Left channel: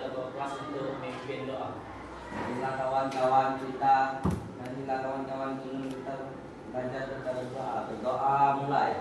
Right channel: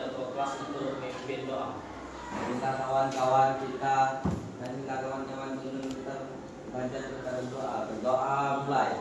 kepada ketua kelas untuk memimpin doa. Marilah kawan-kawan kita, marilah kawan-kawan kita belajar kita berdoa. Berdoa mulai.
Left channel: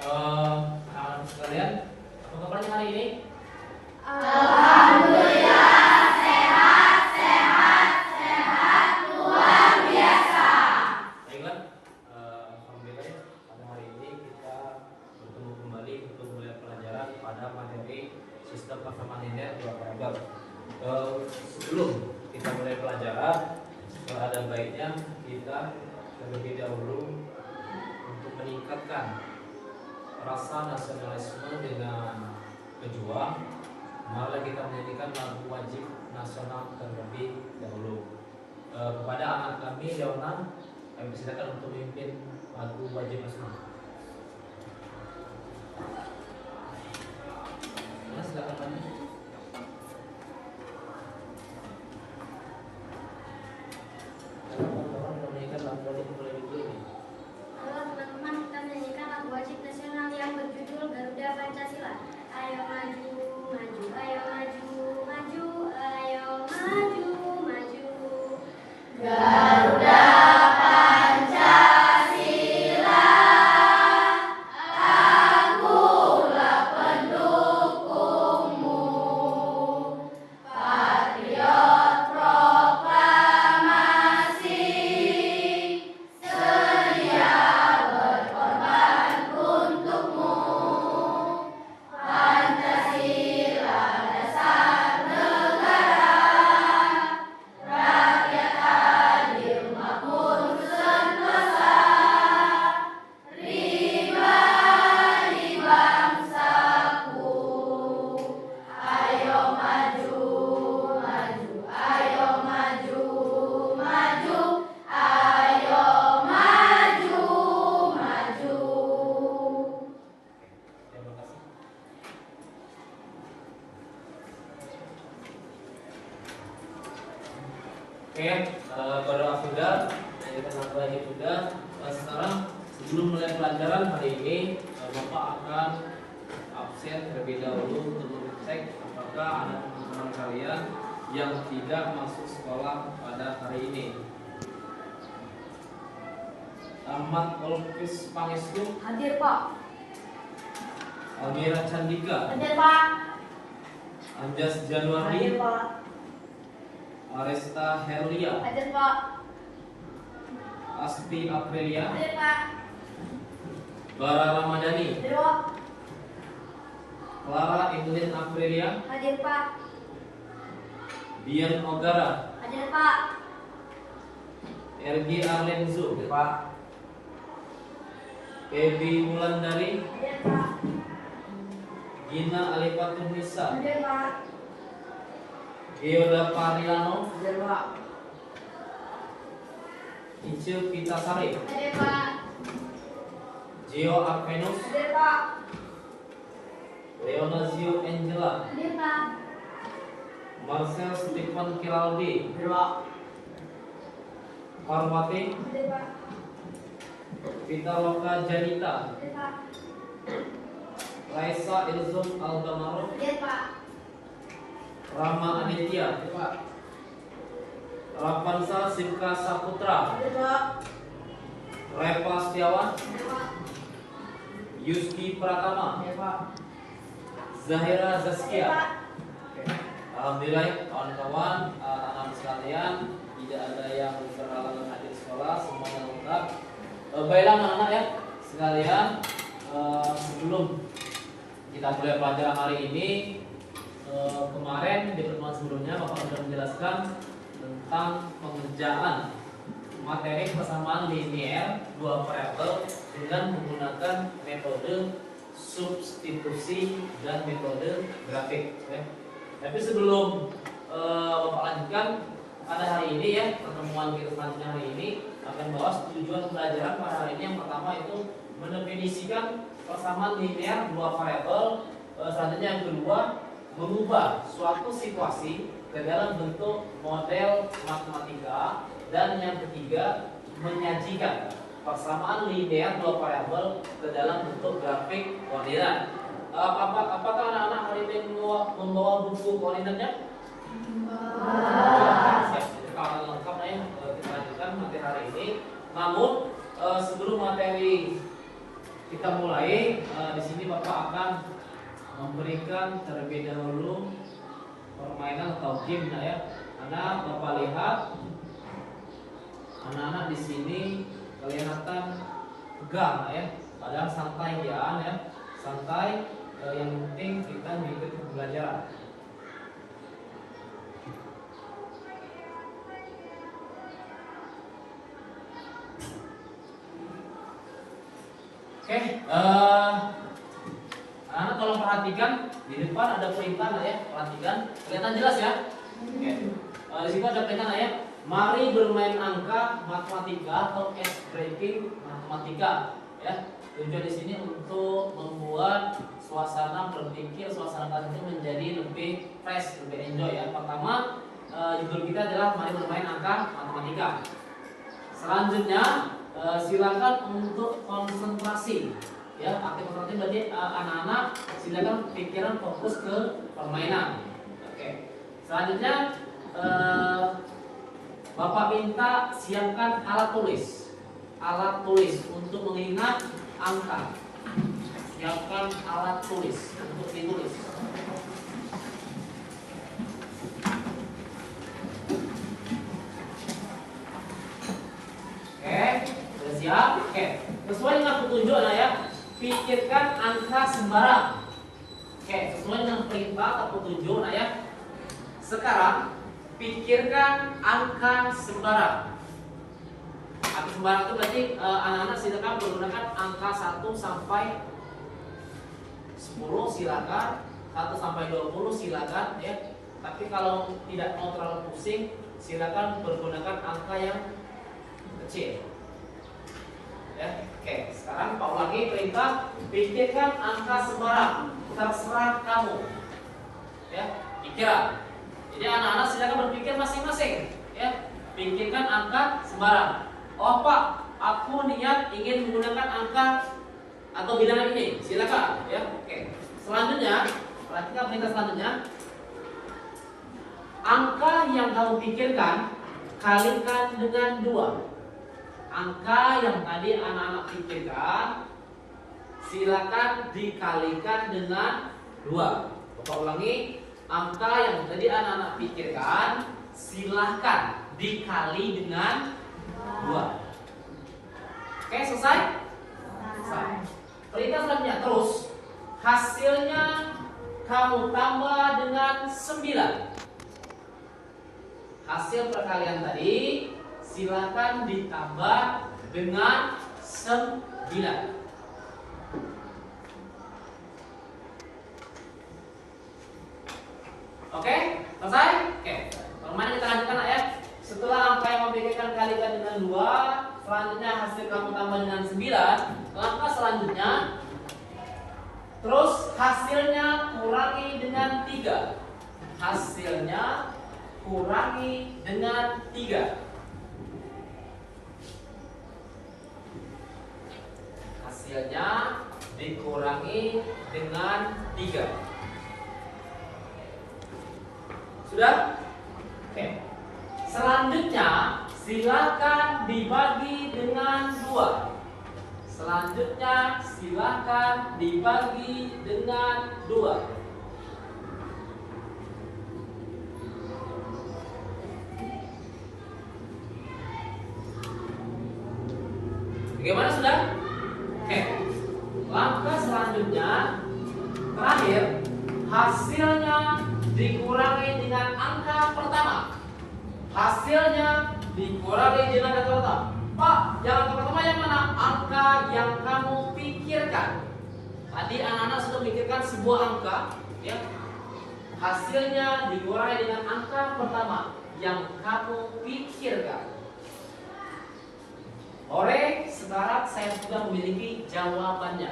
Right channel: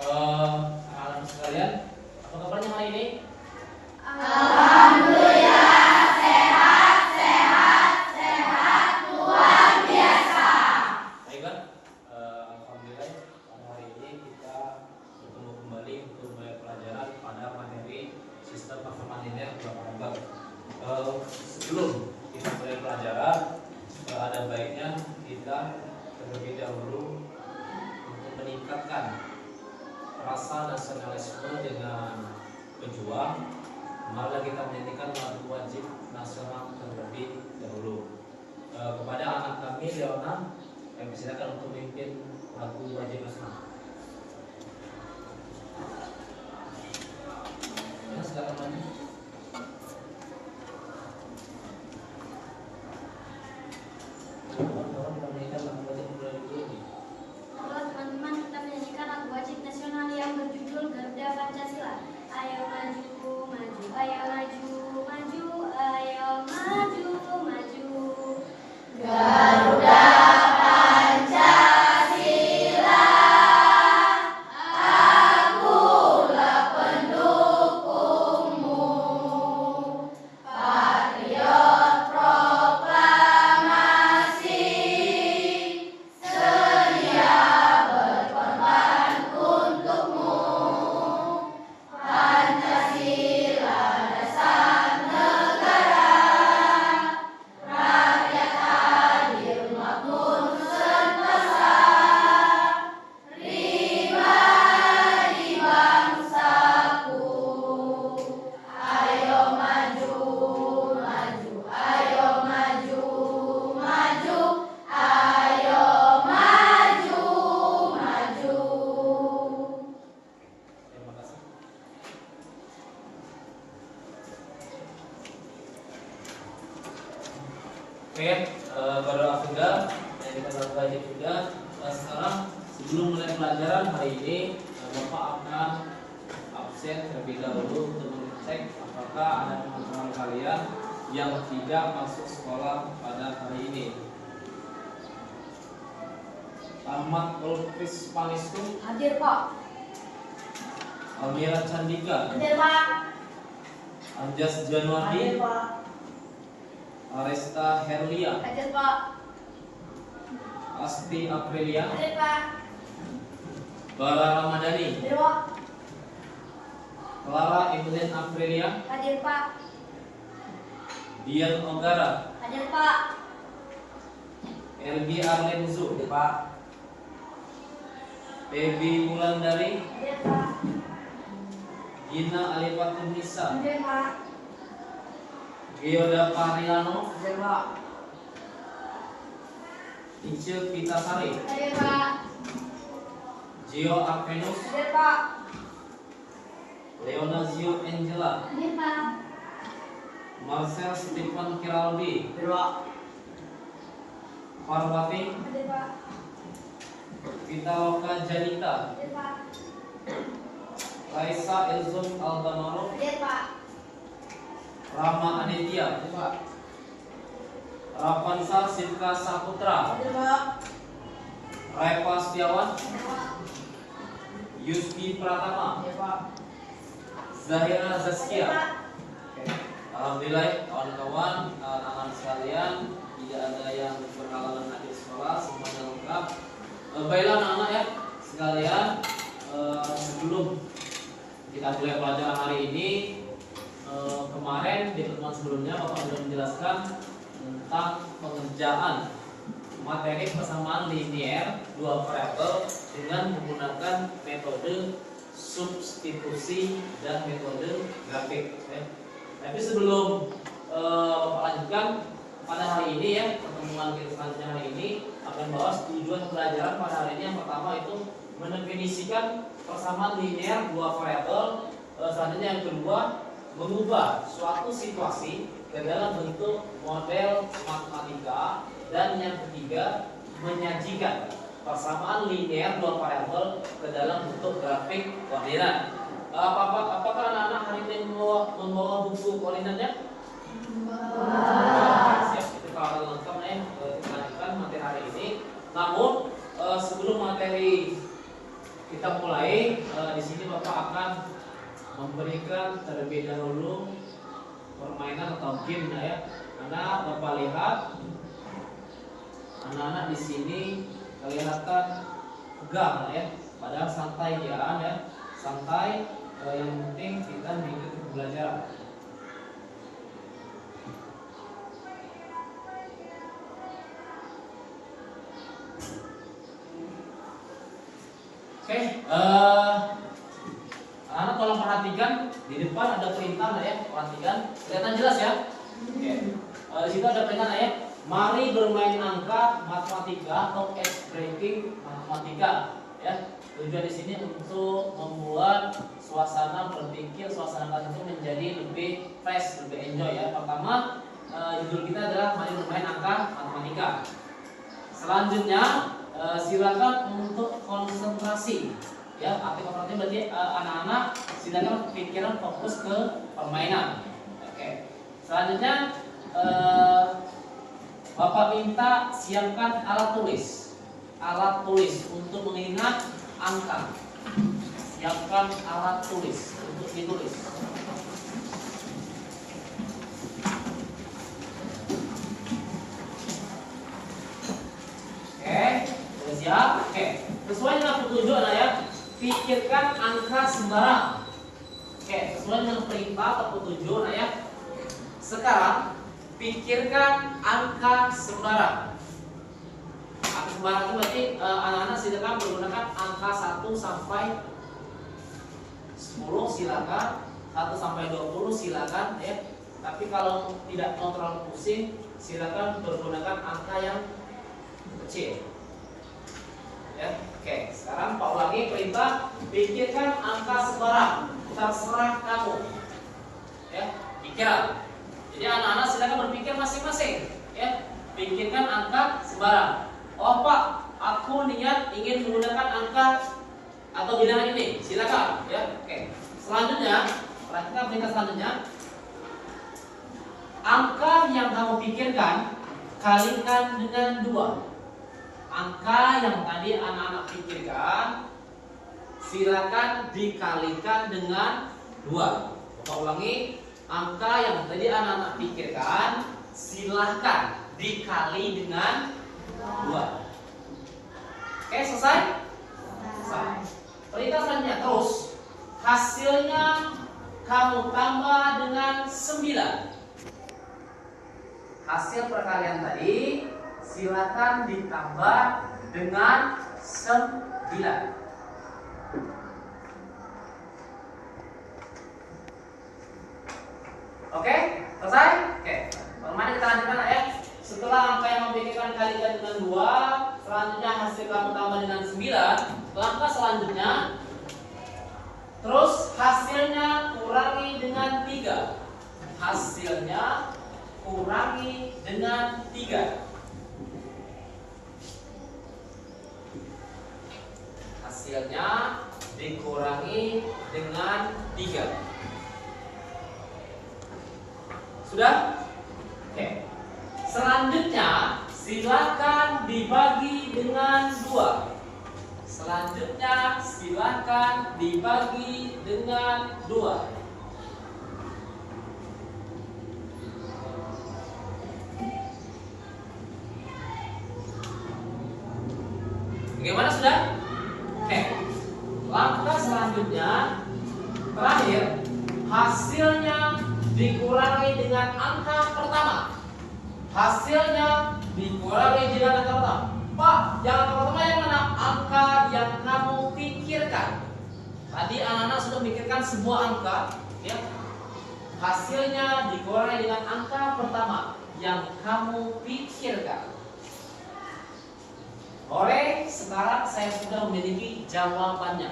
Anak-anak sekalian, apa kabarnya hari ini? Baiklah, alhamdulillah pada hari ini kita bertemu kembali untuk mulai pelajaran pada materi sistem performa linear dua variabel. Sebelum kita mulai pelajaran, ada baiknya kita terlebih dahulu untuk meningkatkan rasa nasionalisme dengan pejuang. Marilah kita menyanyikan lagu wajib nasional terlebih dahulu. Kepada anak kami Leona, kami persilakan untuk memimpin lagu wajib nasional. Silakan maju. Orang menyanyikan lagu wajib mulai dulu nih. Halo teman-teman, kita menyanyikan lagu wajib nasional yang berjudul Garuda Pancasila. Ayo maju, maju, ayo maju, maju, ayo maju, maju. Garuda Pancasila, akulah pendukungmu. Patriot proklamasi, sedia berkorban untukmu. Pancasila dasar negara, rakyat adil makmur sentosa, pribadi bangsaku. Ayo maju, maju, ayo maju, maju, ayo maju, maju. Terima kasih. Oke, berdoa sudah, menyanyikan lagu wajib sudah. Sekarang sebelum mulai pelajaran hari ini, Bapak akan absen terlebih dahulu untuk mengecek apakah ada teman-teman kalian yang tidak masuk sekolah pada hari ini. Ahmad Ulfis Pangestu, Hadir Pak. Almira Candika, Hadir Pak. Anjas Januardi, Pak. Aresta Herlia, Hadir Pak. Asti Aprilia, Hadir Pak. Bara Ramadhani, Hadir Pak. Clara Evelyn Aprilia, Hadir Pak. Dian Ogara, Hadir Pak. Ergi Arlenzu, Pak. Ebi Wulandari, Hadir Pak. Gina Alifatun Nisa, Hadir Pak. Geoda Parilano, Hadir Pak. Ice Pitasari, Hadir Pak. Gio Arvenus, Hadir Pak. Leonazio Angela, B, Pak. Marcel Stephen Kiraldi, Parwati, B, Pak. Vitaloka Janita, B, Pak. Raisa Ilzum Aldamaro, B, Pak. Rama Anetia, Ravansa Sivka Saputra, B, Pak. Reva Setiawan, B, Pak. Yuski Pratama, B, Pak. Zahira B, Zaskia. Pak. Alhamdulillah kawan-kawan, anak-anak sekalian, tidak ada yang berhalangan hadir sekolah, semuanya lengkap. Baiklah anak-anak ya sekalian, sebelum kita mulai pelajaran hari ini, kemarin di pertemuan sebelumnya Bapak sudah menjelaskan tentang pengerjaan materi persamaan linear dua variabel dengan menggunakan metode substitusi dan metode grafik. Tapi sebelum Bapak lanjutkan pada hari ini ya, pertemuan kita selanjutnya hari ini akan bahas tujuan pelajaran pada hari ini. Yang pertama itu mendefinisikan persamaan linear dua variabel. Selanjutnya yang kedua, mengubah suatu situasi ke dalam bentuk model matematika, dan yang ketiga menyajikan persamaan linear dua variabel ke dalam bentuk grafik koordinat. Apakah anak-anak hari ini membawa buku koordinatnya? Siap, itu kalau lengkap nih kita lanjutkan materi hari ini. Namun sebelum materi kita mulai, di sini Bapak akan memberikan terlebih dahulu permainan atau game ya. Karena Bapak lihat anak-anak di sini kelihatan tegang ya, padahal santai ya, santai. Yang penting kita mengikuti pembelajaran. Oke, anak tolong perhatikan di depan ada perintah ya, perhatikan, kelihatan jelas ya. Oke, di situ ada perintah ya. Mari bermain angka matematika atau ice breaking matematika ya. Tujuan di sini untuk membuat suasana berpikir, suasana belajar menjadi lebih fresh, lebih enjoy ya. Pertama, judul kita adalah mari bermain angka matematika. Selanjutnya, silakan untuk konsentrasi ya. Aktif konsentrasi berarti anak-anak silakan pikiran fokus ke permainan. Oke. Selanjutnya, Bapak minta siapkan alat tulis untuk mengingat angka. Siapkan alat tulis untuk ditulis. Oke, sudah siap? Oke, sesuai dengan petunjuk anak ya. Pikirkan angka sembarang. Oke, sesuai dengan perintah atau petunjuk anak ya. Sekarang pikirkan angka sembarang. Angka sembarang itu berarti anak-anak silakan menggunakan angka 1 sampai 10 silakan, 1 sampai 20 silakan ya. Tapi kalau tidak mau terlalu pusing, silakan menggunakan angka yang kecil. Ya, oke. Sekarang Pak ulangi perintah, pikirkan angka sembarang. Terserah kamu. Ya, pikiran. Jadi anak-anak silakan berpikir masing-masing. Ya, pikirkan angka sembarang. Oh Pak, aku niat ingin menggunakan angka atau bilangan ini. Silakan. Ya, oke. Selanjutnya, perhatikan perintah selanjutnya. Angka yang kamu pikirkan kalikan dengan 2. Angka yang tadi anak-anak pikirkan silakan dikalikan dengan 2. Bapak ulangi, angka yang tadi anak-anak pikirkan silakan dikali dengan 2. Oke, selesai? Selesai. Perintah selanjutnya terus. Hasilnya kamu tambah dengan 9. Hasil perkalian tadi silakan ditambah dengan 9. Oke, selesai? Oke. Permainan kita lanjutkan ya. Setelah angka yang memikirkan kalikan dengan 2, selanjutnya hasil kamu tambah dengan 9. Langkah selanjutnya, terus hasilnya dengan 3. Hasilnya kurangi dengan 3. Hasilnya dikurangi dengan 3. Sudah? Oke. Selanjutnya silakan dibagi dengan 2. Selanjutnya silakan dibagi dengan 2. Bagaimana sudah? Oke. Langkah selanjutnya terakhir, hasilnya dikurangi dengan angka pertama. Hasilnya dikurangi dengan angka pertama. Pak, yang angka pertama yang mana? Angka yang kamu pikirkan. Tadi anak-anak sudah memikirkan sebuah angka, ya. Hasilnya dikurangi dengan angka pertama yang kamu pikirkan. Oke, sekarang saya sudah memiliki jawabannya.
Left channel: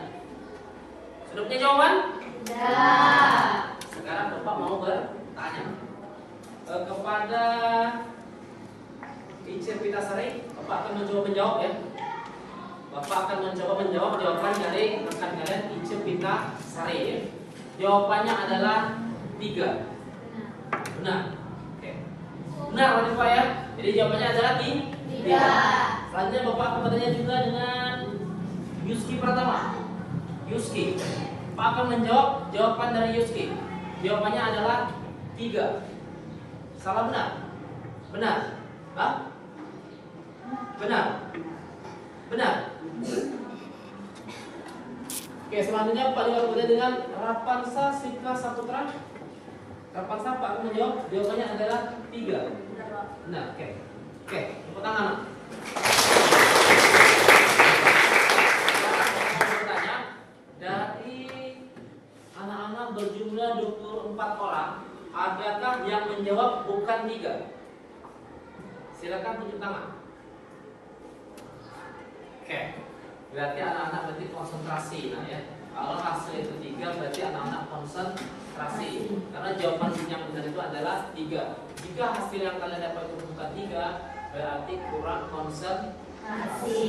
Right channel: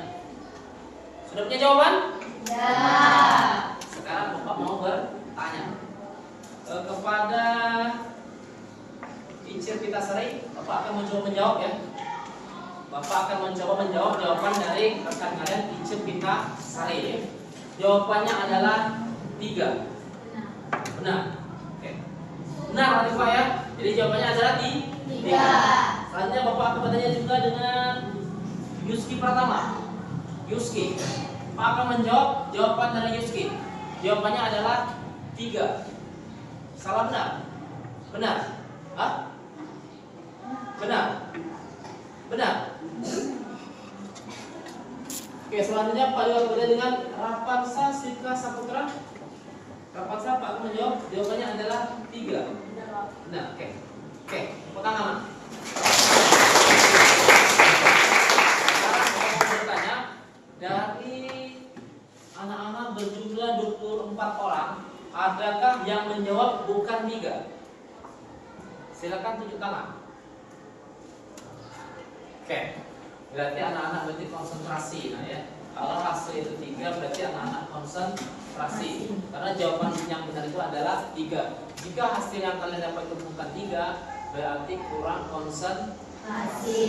Sudah punya jawaban? Ya. Sekarang Bapak mau bertanya kepada Ica Pitasari. Bapak akan menjawab ya. Bapak akan menjawab jawaban dari rekan kalian Ica Pitasari ya. Jawabannya adalah 3. Benar. Oke. Benar Pak ya. Jadi jawabannya adalah 3. Selanjutnya Bapak akan bertanya juga dengan Yuski pertama. Yuski, Pak akan menjawab jawaban dari Yuski. Jawabannya adalah 3. Salah benar? Benar? Hah? Benar? Benar? Oke, selanjutnya Pak juga bertanya dengan Rapansa Sika Saputra. Rapansa, Pak akan menjawab jawabannya adalah 3. Benar, oke. Oke, tepuk tangan. Sekarang saya mau bertanya, dari anak-anak berjumlah 24 orang, adakah yang menjawab bukan 3? Silakan tunjuk tangan. Oke, berarti anak-anak berarti konsentrasi, nah ya. Kalau hasil itu 3 berarti anak-anak konsentrasi. Karena jawaban yang benar itu adalah 3. Jika hasil yang kalian dapat itu bukan 3, berarti kurang konsentrasi.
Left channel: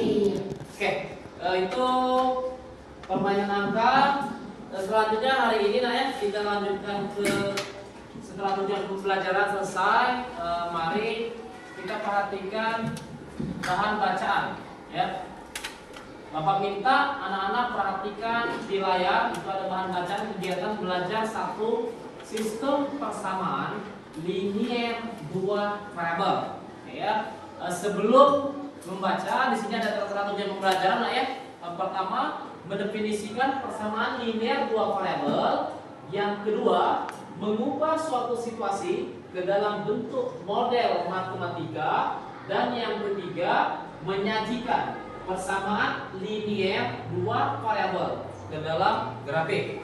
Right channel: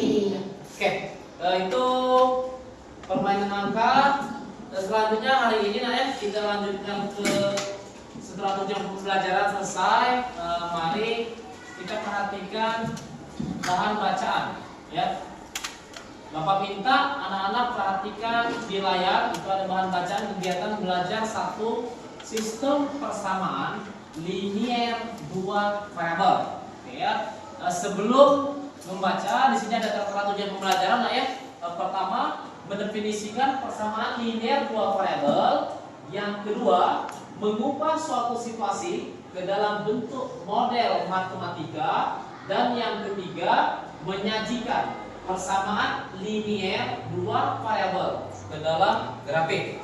Oke, itu permainan angka. Dan selanjutnya hari ini nah ya, kita lanjutkan ke setelah tujuan pembelajaran selesai. Mari kita perhatikan bahan bacaan ya. Bapak minta anak-anak perhatikan di layar, itu ada bahan bacaan kegiatan belajar 1 sistem persamaan linier 2 variabel. Ya, sebelum membaca di sini ada tertera tujuan pembelajaran lah ya. Pertama, mendefinisikan persamaan linear 2 variabel. Yang kedua, mengubah suatu situasi ke dalam bentuk model matematika. Dan yang ketiga, menyajikan persamaan linear 2 variabel ke dalam grafik.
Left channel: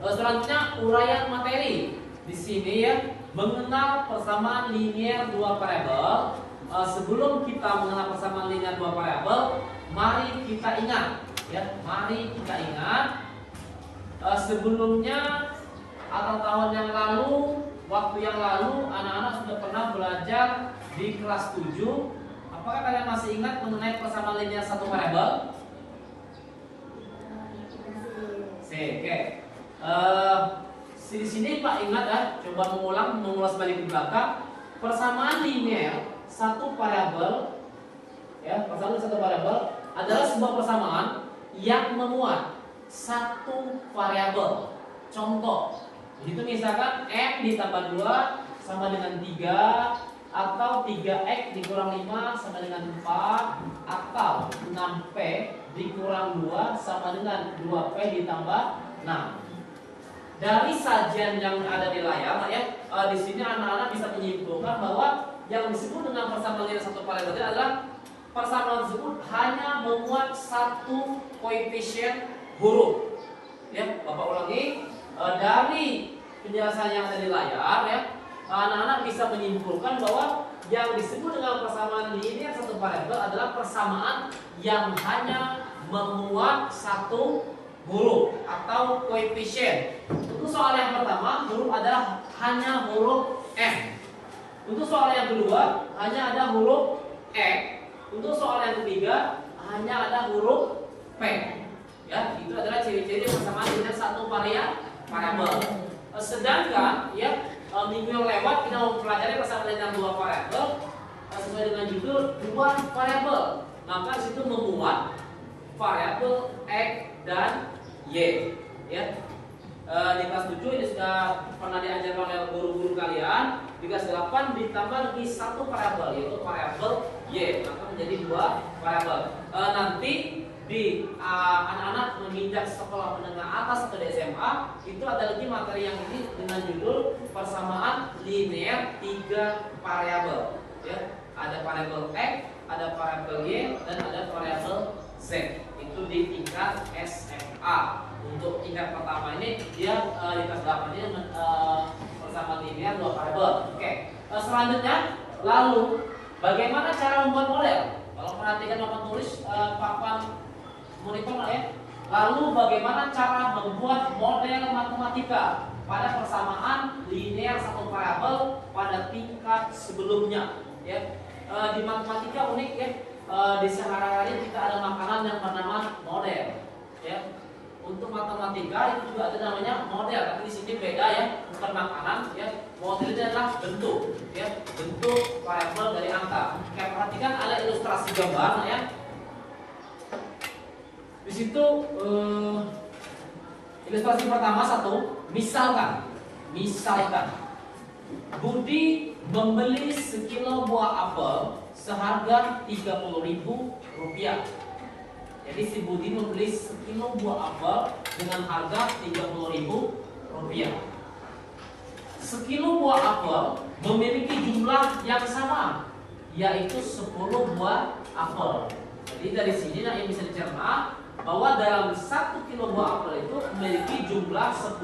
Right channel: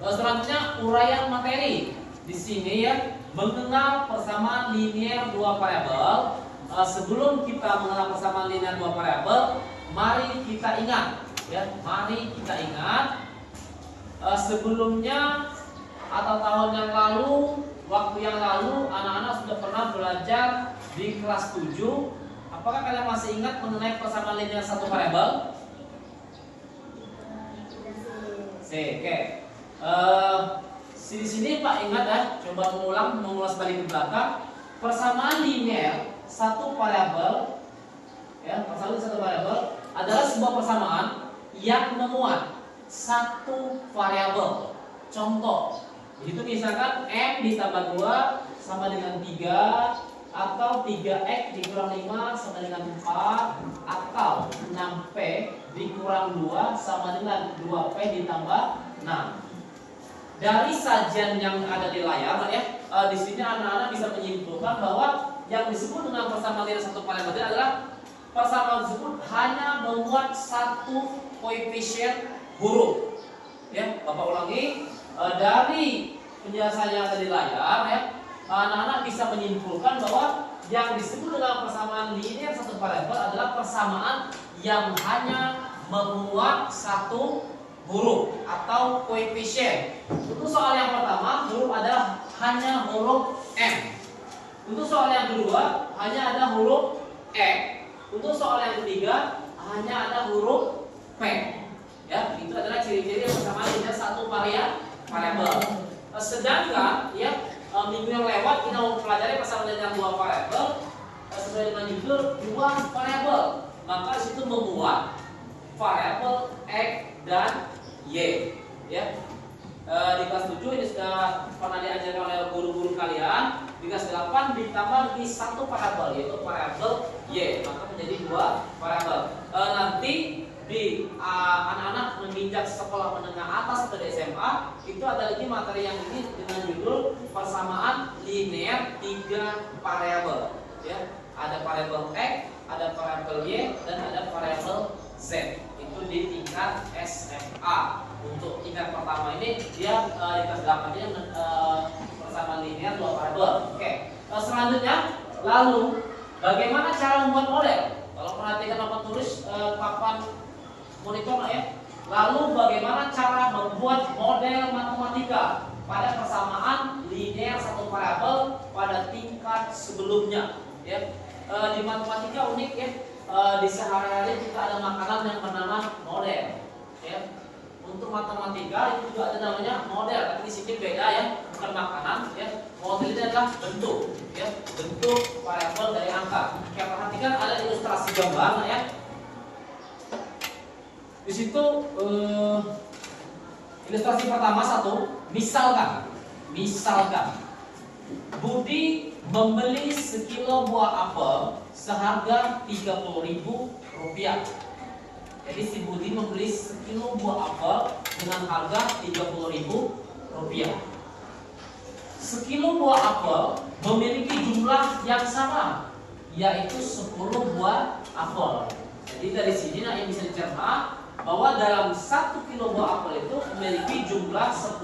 Selanjutnya uraian materi. Di sini ya, mengenal persamaan linear 2 variabel. Sebelum kita mengenal persamaan linear 2 variabel, mari kita ingat ya, mari kita ingat sebelumnya atau tahun yang lalu, waktu yang lalu anak-anak sudah pernah belajar di kelas 7. Apakah kalian masih ingat mengenai persamaan linear 1 variabel? Oke. Di sini Pak ingat ya, coba mengulas balik ke belakang. Persamaan linear 1 variabel ya, persamaan linear 1 variabel adalah sebuah persamaan yang memuat 1 variabel. Contoh, itu misalkan M ditambah 2 sama dengan 3, atau 3X dikurang 5 sama dengan 4, atau 6P dikurang 2 sama dengan 2P ditambah 6. Dari sajian yang ada di layar ya, di sini anak-anak bisa menyimpulkan bahwa yang disebut dengan persamaan linear 1 variabel adalah persamaan tersebut hanya memuat 1 koefisien huruf. Ya, Bapak ulangi, dari penjelasan yang ada di layar ya, anak-anak bisa menyimpulkan bahwa yang disebut dengan persamaan linear 1 variabel adalah persamaan yang hanya memuat 1 huruf atau koefisien. Untuk soal yang pertama, huruf adalah hanya huruf M. Untuk soal yang kedua, hanya ada huruf E. Untuk soal yang ketiga, hanya ada huruf P. Ya, itu adalah ciri-ciri persamaan linear satu variabel. Sedangkan ya minggu yang lewat kita mempelajari persamaan linear dua variabel sesuai dengan judul dua variabel. Maka di situ memuat variabel X dan Y. Ya. Di kelas 7 ini sudah pernah diajarkan oleh guru-guru kalian. Di kelas 8 ditambah lagi satu variabel, yaitu variabel Y, maka menjadi dua variabel. Nanti di anak-anak menginjak sekolah menengah atas atau di SMA itu ada lagi materi yang ini dengan judul persamaan linear tiga variabel. Ya, ada variabel X, ada variabel Y, dan ada variabel Z. Itu di tingkat SMA. Untuk tingkat pertama ini dia di kelas 8 ini persamaan linear dua variabel. Oke. Selanjutnya, lalu bagaimana cara membuat model? Kalau perhatikan papan tulis papan monitor ya. Lalu bagaimana cara membuat model matematika pada persamaan linear satu variabel pada tingkat sebelumnya? Ya. Di matematika unik ya. Di sehari-hari kita ada makanan yang bernama model. Ya. Untuk matematika itu juga ada namanya model, tapi di sini beda ya, bukan makanan ya. Model itu adalah bentuk, ya, bentuk variabel dari angka. Kayak perhatikan ada ilustrasi gambar ya. Di situ ilustrasi pertama satu, misalkan Budi membeli sekilo buah apel seharga Rp30.000. Jadi si Budi membeli sekilo buah apel dengan harga Rp30.000. Sekilo buah apel memiliki jumlah yang sama, yaitu 10 buah apel. Jadi dari sini yang bisa dicerna bahwa dalam 1 kilo buah apel itu memiliki jumlah 10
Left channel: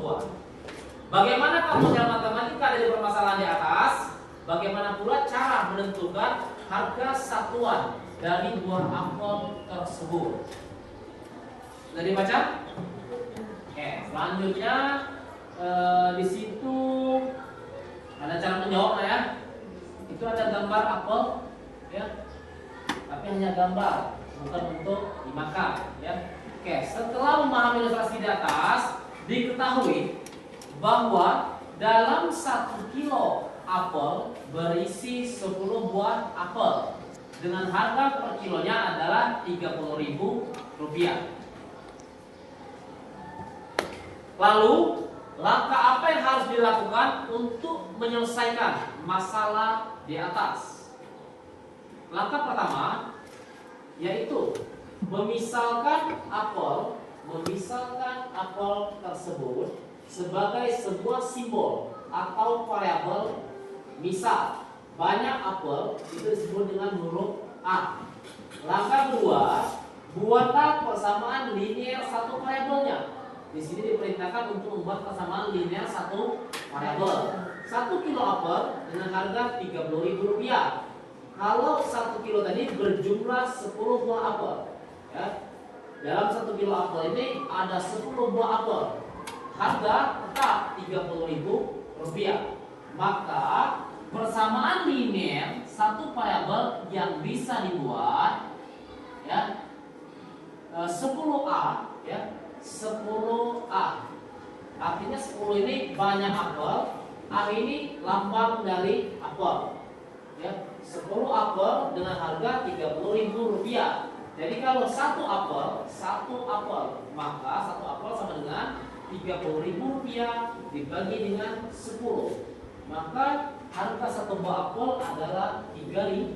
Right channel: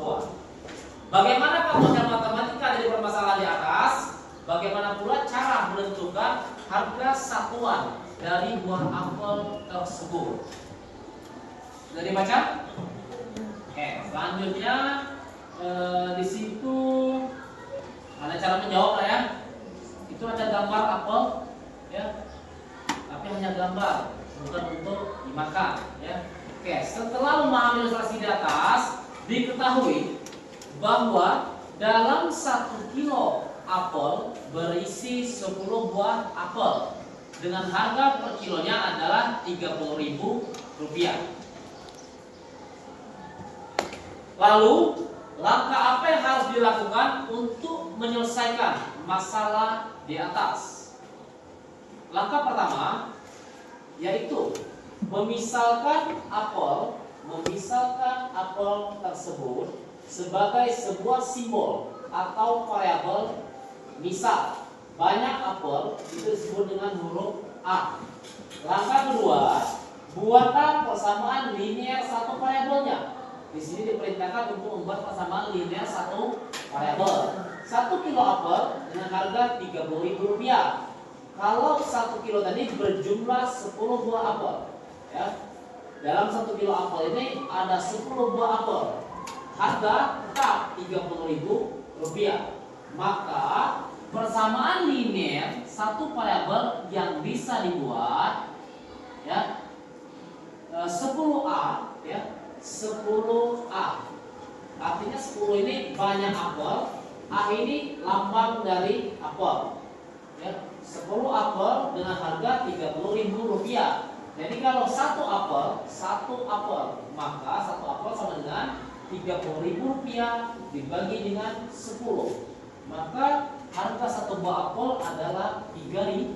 buah. Bagaimana kalau model matematika dari permasalahan di atas? Bagaimana pula cara menentukan harga satuan dari buah apel tersebut? Sudah dibaca? Oke, selanjutnya di situ ada cara menjawab lah ya. Itu ada gambar apel, ya, tapi hanya gambar, bukan untuk dimakan, ya. Oke, setelah memahami ilustrasi di atas, diketahui bahwa dalam 1 kilo apel berisi 10 buah apel dengan harga per kilonya adalah Rp30.000. Lalu langkah apa yang harus dilakukan untuk menyelesaikan masalah di atas? Langkah pertama yaitu memisahkan apel tersebut sebagai sebuah simbol atau variabel. Misal banyak apel itu disebut dengan huruf A. Langkah kedua, buatlah persamaan linear satu variabelnya. Di sini diperintahkan untuk membuat persamaan linear satu variabel. 1 kilo apel dengan harga Rp30.000. Kalau 1 kilo tadi berjumlah 10 buah apel, ya. Dalam 1 kilo apel ini ada 10 buah apel. Harga tetap Rp30.000. Maka persamaan linear satu variabel yang bisa dibuat, ya, 10A, ya, 10A. Artinya 10 ini banyak apel, A ini lambang dari apel. Ya, 10 apel dengan harga Rp30.000. Jadi kalau satu apel, maka satu apel sama dengan Rp30.000 dibagi dengan 10. Maka harga satu buah apel adalah Rp3.000.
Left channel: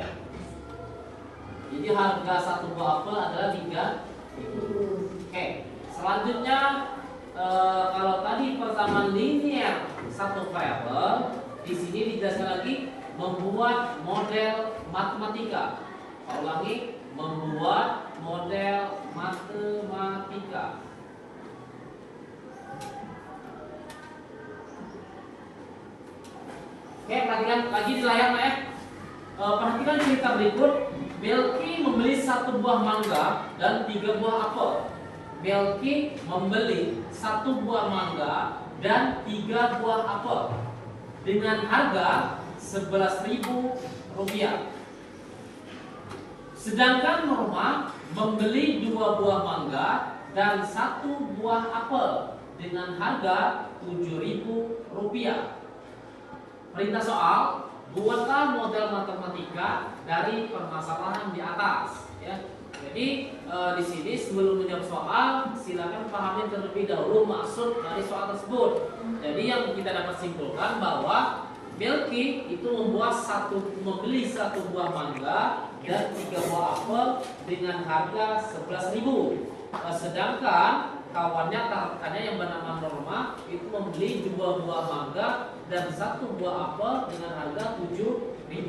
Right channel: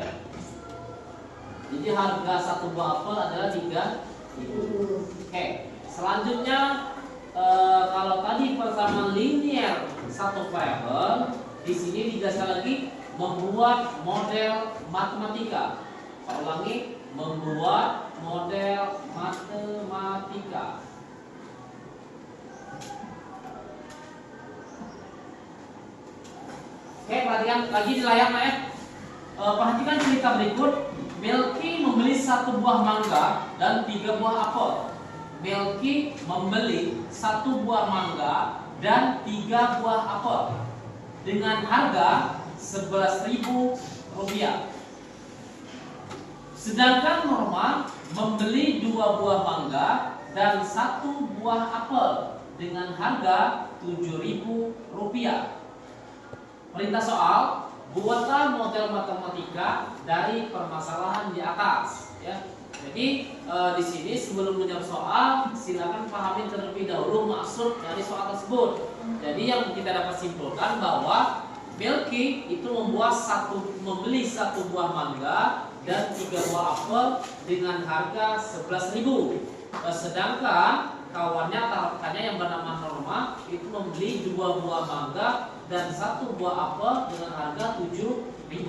Ya. Jadi harga satu buah apel adalah Rp3.000. Oke, selanjutnya kalau tadi persamaan linear satu variabel, di sini dijelaskan lagi membuat model matematika. Saya ulangi, membuat model matematika. Oke, perhatikan lagi di layar ya. Perhatikan cerita berikut. Melki membeli 1 buah mangga dan 3 buah apel. Melki membeli 1 buah mangga dan 3 buah apel dengan harga Rp11.000. Sedangkan Norma membeli 2 buah mangga dan 1 buah apel dengan harga Rp7.000. Perintah soal, buatlah model matematika dari permasalahan di atas. Ya. Jadi di sini sebelum menjawab soal, silakan pahami terlebih dahulu maksud dari soal tersebut. Jadi yang kita dapat simpulkan bahwa Melki itu membeli 1 buah mangga dan 3 buah apel dengan harga Rp11.000. Sedangkan kawannya atau rekannya yang bernama Norma itu membeli 2 buah mangga dan 1 buah apel dengan harga Rp7.000.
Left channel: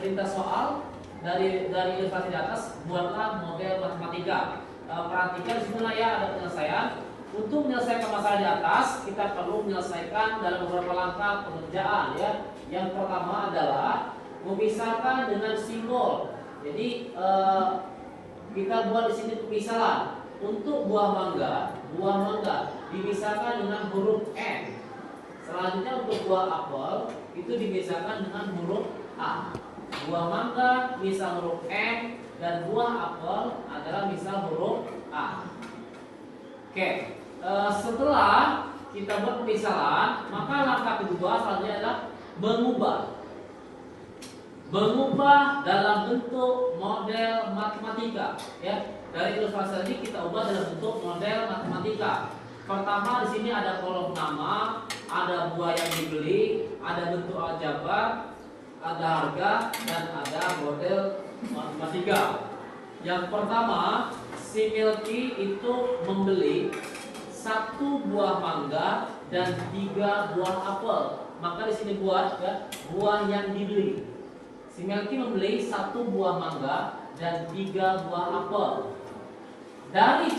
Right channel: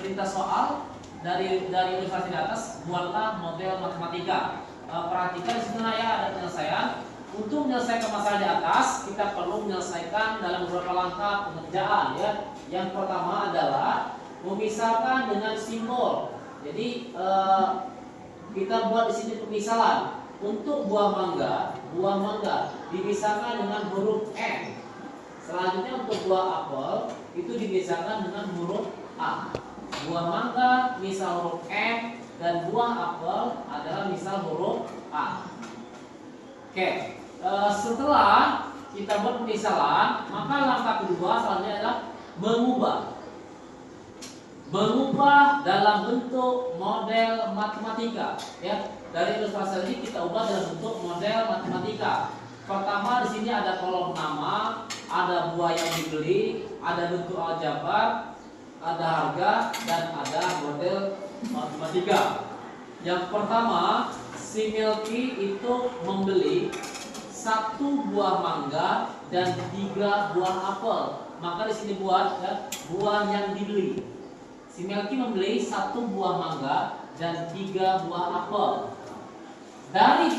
Perintah soal dari ilustrasi di atas, buatlah model matematika. Perhatikan di sini ya ada penyelesaian. Untuk menyelesaikan masalah di atas, kita perlu menyelesaikan dalam beberapa langkah pengerjaan ya. Yang pertama adalah memisahkan dengan simbol. Jadi kita buat di sini pemisahan. Untuk buah mangga dipisahkan dengan huruf M. Selanjutnya untuk buah apel itu dipisahkan dengan huruf A. Buah mangga misal huruf M dan buah apel adalah misal huruf A. Oke, setelah kita buat pemisahan, maka langkah kedua selanjutnya adalah mengubah dalam bentuk model matematika. Ya, dari ilustrasi tadi kita ubah dalam bentuk model matematika. Pertama di sini ada kolom nama, ada buah yang dibeli, ada bentuk aljabar, ada harga, dan ada model matematika. Yang pertama, si Melki itu membeli 1 buah mangga dan 3 buah apel. Maka di sini buat ya, buah yang dibeli. Si Melki membeli 1 buah mangga dan 3 buah apel. Dari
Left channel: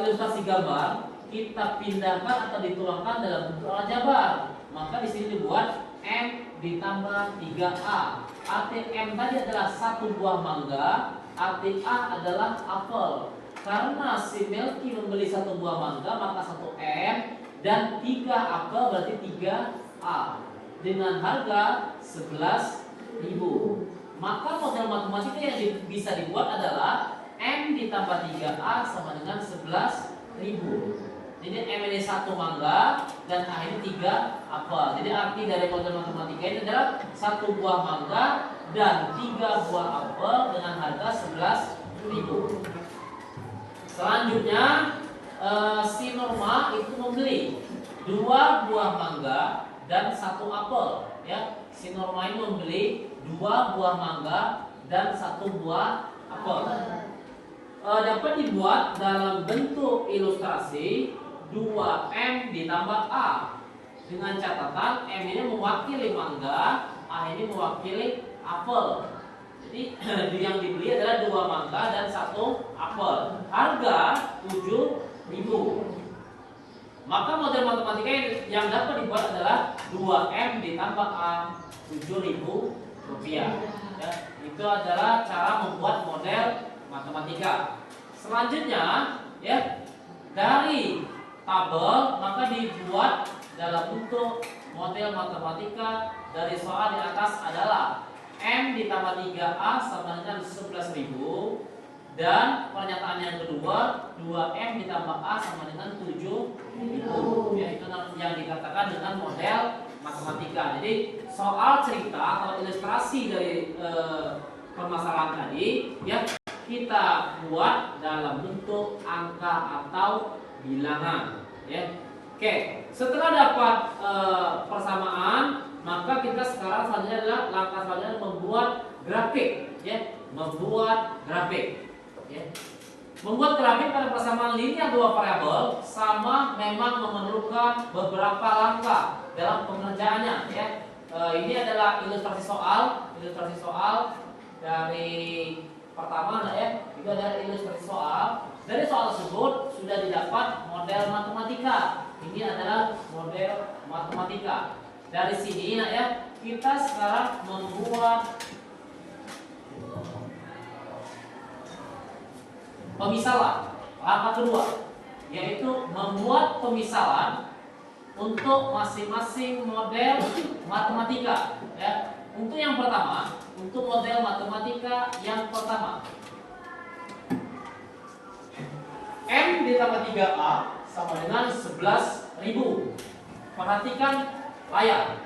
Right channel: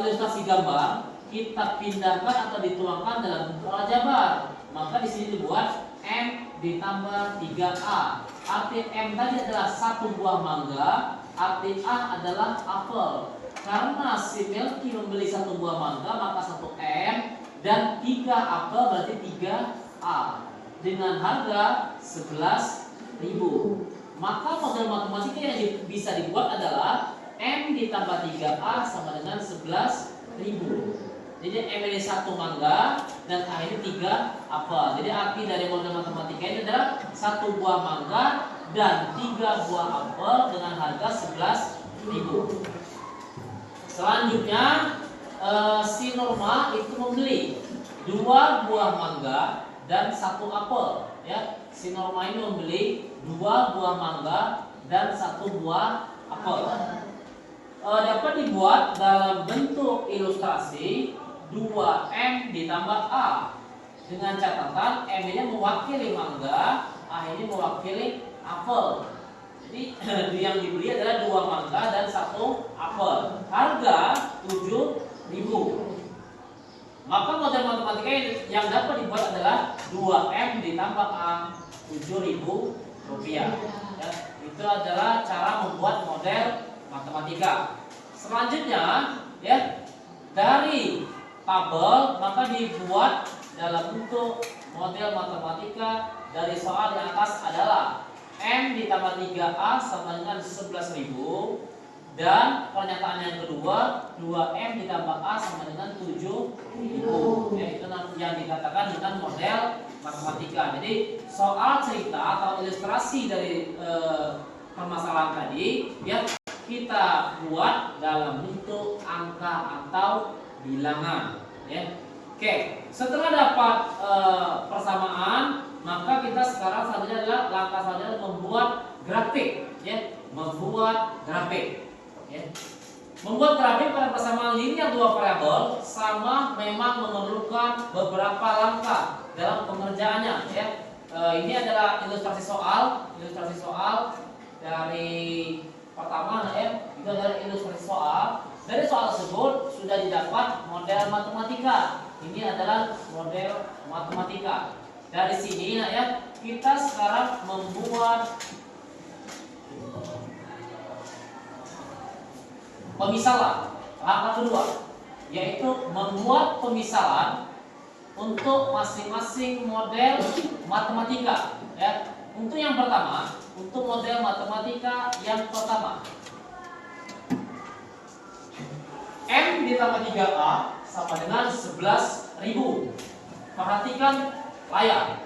ilustrasi gambar kita pindahkan atau dituangkan dalam bentuk aljabar. Maka di sini dibuat M ditambah 3A. Arti M tadi adalah 1 buah mangga, arti A adalah apel. Karena si Melki membeli 1 buah mangga, maka 1 M dan 3 apel berarti 3A dengan harga Rp11.000. Maka model matematika yang bisa dibuat adalah M ditambah 3A sama dengan Rp11.000. Jadi M ini 1 mangga dan A ini 3 apel. Jadi arti dari model matematika ini adalah 1 buah mangga dan 3 buah apel dengan harga Rp11.000. Selanjutnya si Norma itu membeli 2 buah mangga dan 1 apel. Ya, si Norma ini membeli 2 buah mangga dan 1 buah apel. Dapat dibuat dalam bentuk ilustrasi 2M ditambah A dengan catatan M ini mewakili mangga, A ini mewakili apel. Jadi yang dibeli adalah 2 mangga dan 1 apel. Harga Rp7.000. Maka model matematika yang dapat dibuat adalah 2M ditambah A Rp7.000. Ya, itu adalah cara membuat model matematika. Selanjutnya ya, dari tabel maka dibuat dalam bentuk model matematika. Dari soal di atas adalah M ditambah 3A sama dengan 11.000, dan pernyataan yang kedua 2M ditambah A sama dengan 7.000, yaitu yang dikatakan dengan model matematika. Jadi soal cerita atau ilustrasi dari permasalahan tadi ya kita buat dalam bentuk angka atau bilangan ya. Oke, setelah dapat persamaan, maka kita sekarang selanjutnya adalah langkah selanjutnya membuat grafik ya, membuat grafik ya. Membuat grafik pada persamaan linear 2 variabel sama memang memerlukan beberapa langkah dalam pengerjaannya ya. Ini adalah ilustrasi soal dari pertama ya, itu adalah ilustrasi soal. Dari soal tersebut sudah didapat model matematika. Ini adalah model matematika. Dari sini ya, kita sekarang membuat pemisalan. Langkah kedua yaitu membuat pemisalan untuk masing-masing model matematika. Ya. Untuk yang pertama, untuk model matematika yang pertama, M ditambah 3A sama dengan 11.000. Perhatikan layar.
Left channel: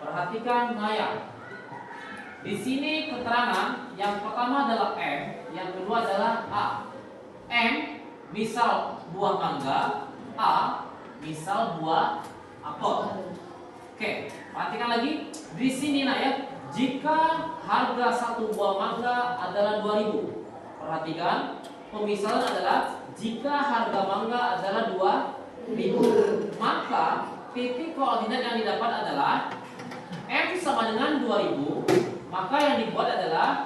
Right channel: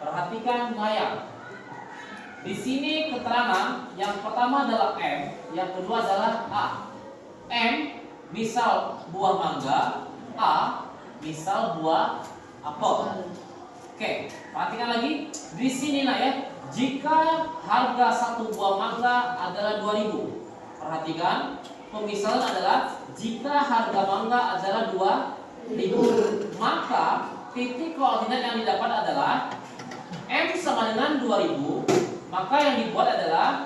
Perhatikan layar. Di sini keterangan yang pertama adalah M, yang kedua adalah A. M misal buah mangga, A misal buah apel. Oke, perhatikan lagi. Di sini nak ya, jika harga satu buah mangga adalah 2.000. Perhatikan, pemisalan adalah jika harga mangga adalah 2.000, maka titik koordinat yang didapat adalah M sama dengan 2.000. Maka yang dibuat adalah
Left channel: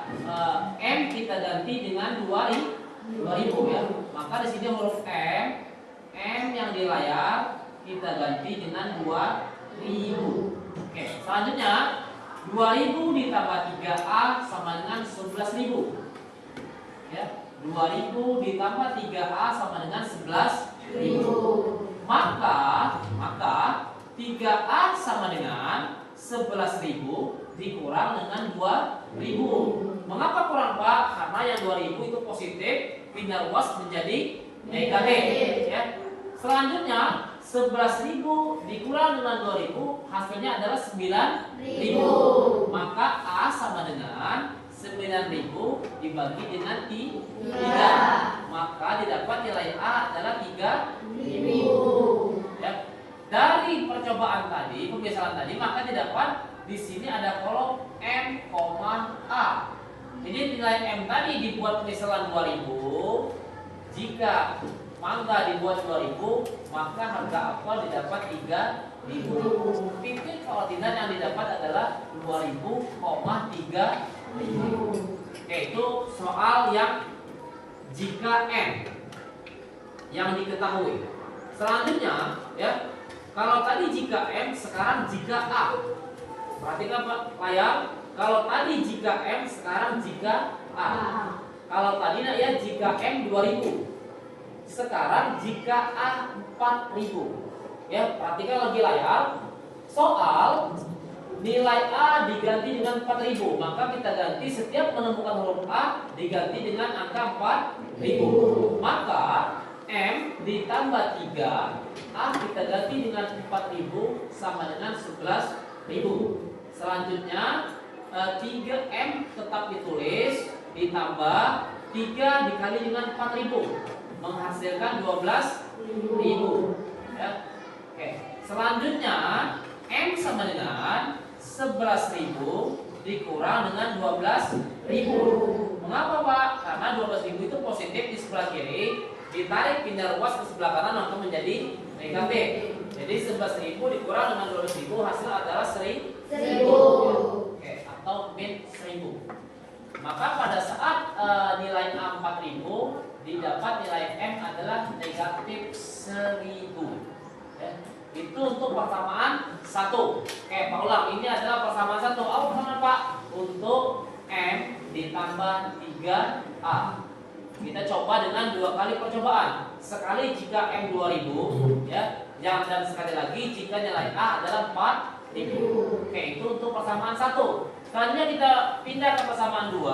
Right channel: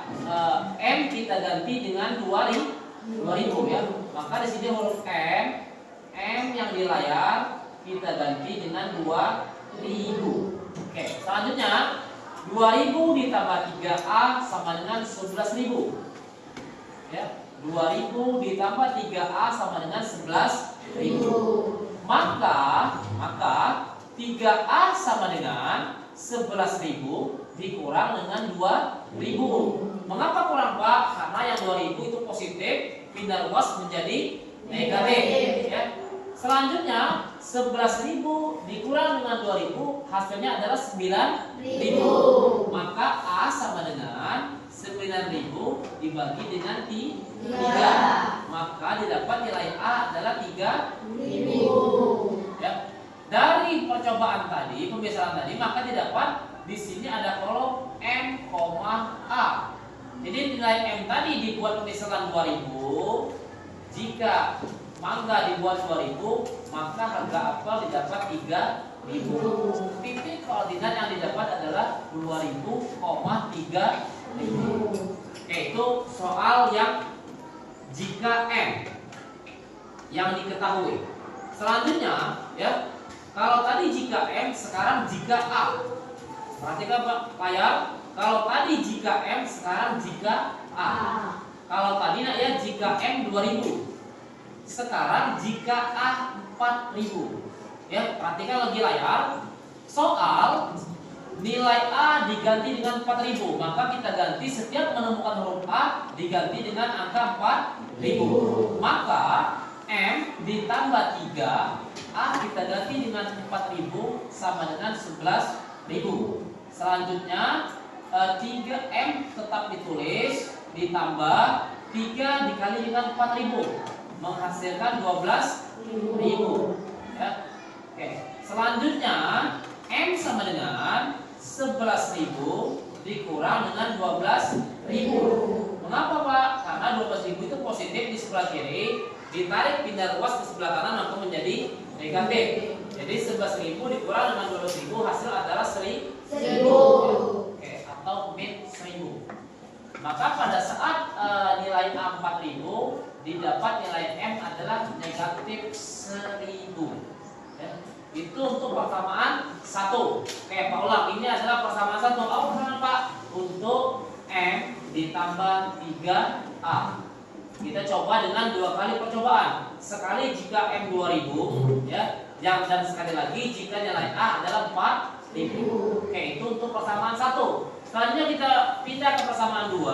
M kita ganti dengan 2.000 ya. Maka di sini huruf M yang di layar kita ganti dengan 2.000. Oke, selanjutnya 2.000 ditambah 3A sama dengan 11.000. Ya, 2.000 ditambah 3A sama dengan 11.000. Maka 3A sama dengan 11.000 dikurang dengan 2.000. Mengapa kurang, Pak? Karena yang 2.000 itu positif, pindah ruas menjadi negatif. Ya. Selanjutnya 11.000 dikurang dengan 2.000 hasilnya adalah 9.000. Maka A sama dengan 9.000 dibagi dengan 3. Maka didapat nilai A adalah 3.000. Ya. Dari percobaan tadi, pemisalan tadi, maka didapat di sini ada kolom M, A. Jadi nilai M tadi dibuat pemisalan 2.000. Jika mangga dibuat 2.000, maka harga apel didapat 3.000. Titik koordinat yang didapat adalah 2.000,3.000. Oke, itu soal yang jika M yang diketahui. Selanjutnya, ya, kalau tadi jika M, sekarang jika A. Perhatikan Pak layar. Kalau tadi jika M, sekarang jika A. Kalau tadi nak ya jika M 2.000. Sekarang jika A 4.000. Ya, perhatikan lagi layar. Soal nilai A diganti dengan 4.000, maka kita ganti setiap menemukan huruf A diganti dengan angka 4.000. Maka M ditambah 3, A kita ganti dengan 4.000 sama dengan 11.000. Selanjutnya 3M tetap ditulis, ditambah 3 dikali dengan 4.000 menghasilkan 12.000. Ya. Oke. Selanjutnya M sama dengan 11.000 dikurang dengan 12.000. Mengapa Pak? Karena 12.000 itu positif di sebelah kiri, ditarik pindah ruas ke sebelah kanan maka menjadi negatif. Jadi 11.000 dikurang dengan 12.000 hasil adalah 1.000. Oke, atau min 1.000. Maka pada saat nilai A 4.000 didapat nilai M adalah negatif 1.000. Ya. Itu untuk persamaan 1. Oke, Pak ulang. Ini adalah persamaan 1. Apa persamaan Pak? Untuk M ditambah 3A. Kita coba dengan 2 kali percobaan. Sekali jika M 2.000, ya. Dan sekali lagi jika nilai A adalah 4.000. Oke, itu untuk persamaan 1. Selanjutnya kita pindah ke persamaan 2.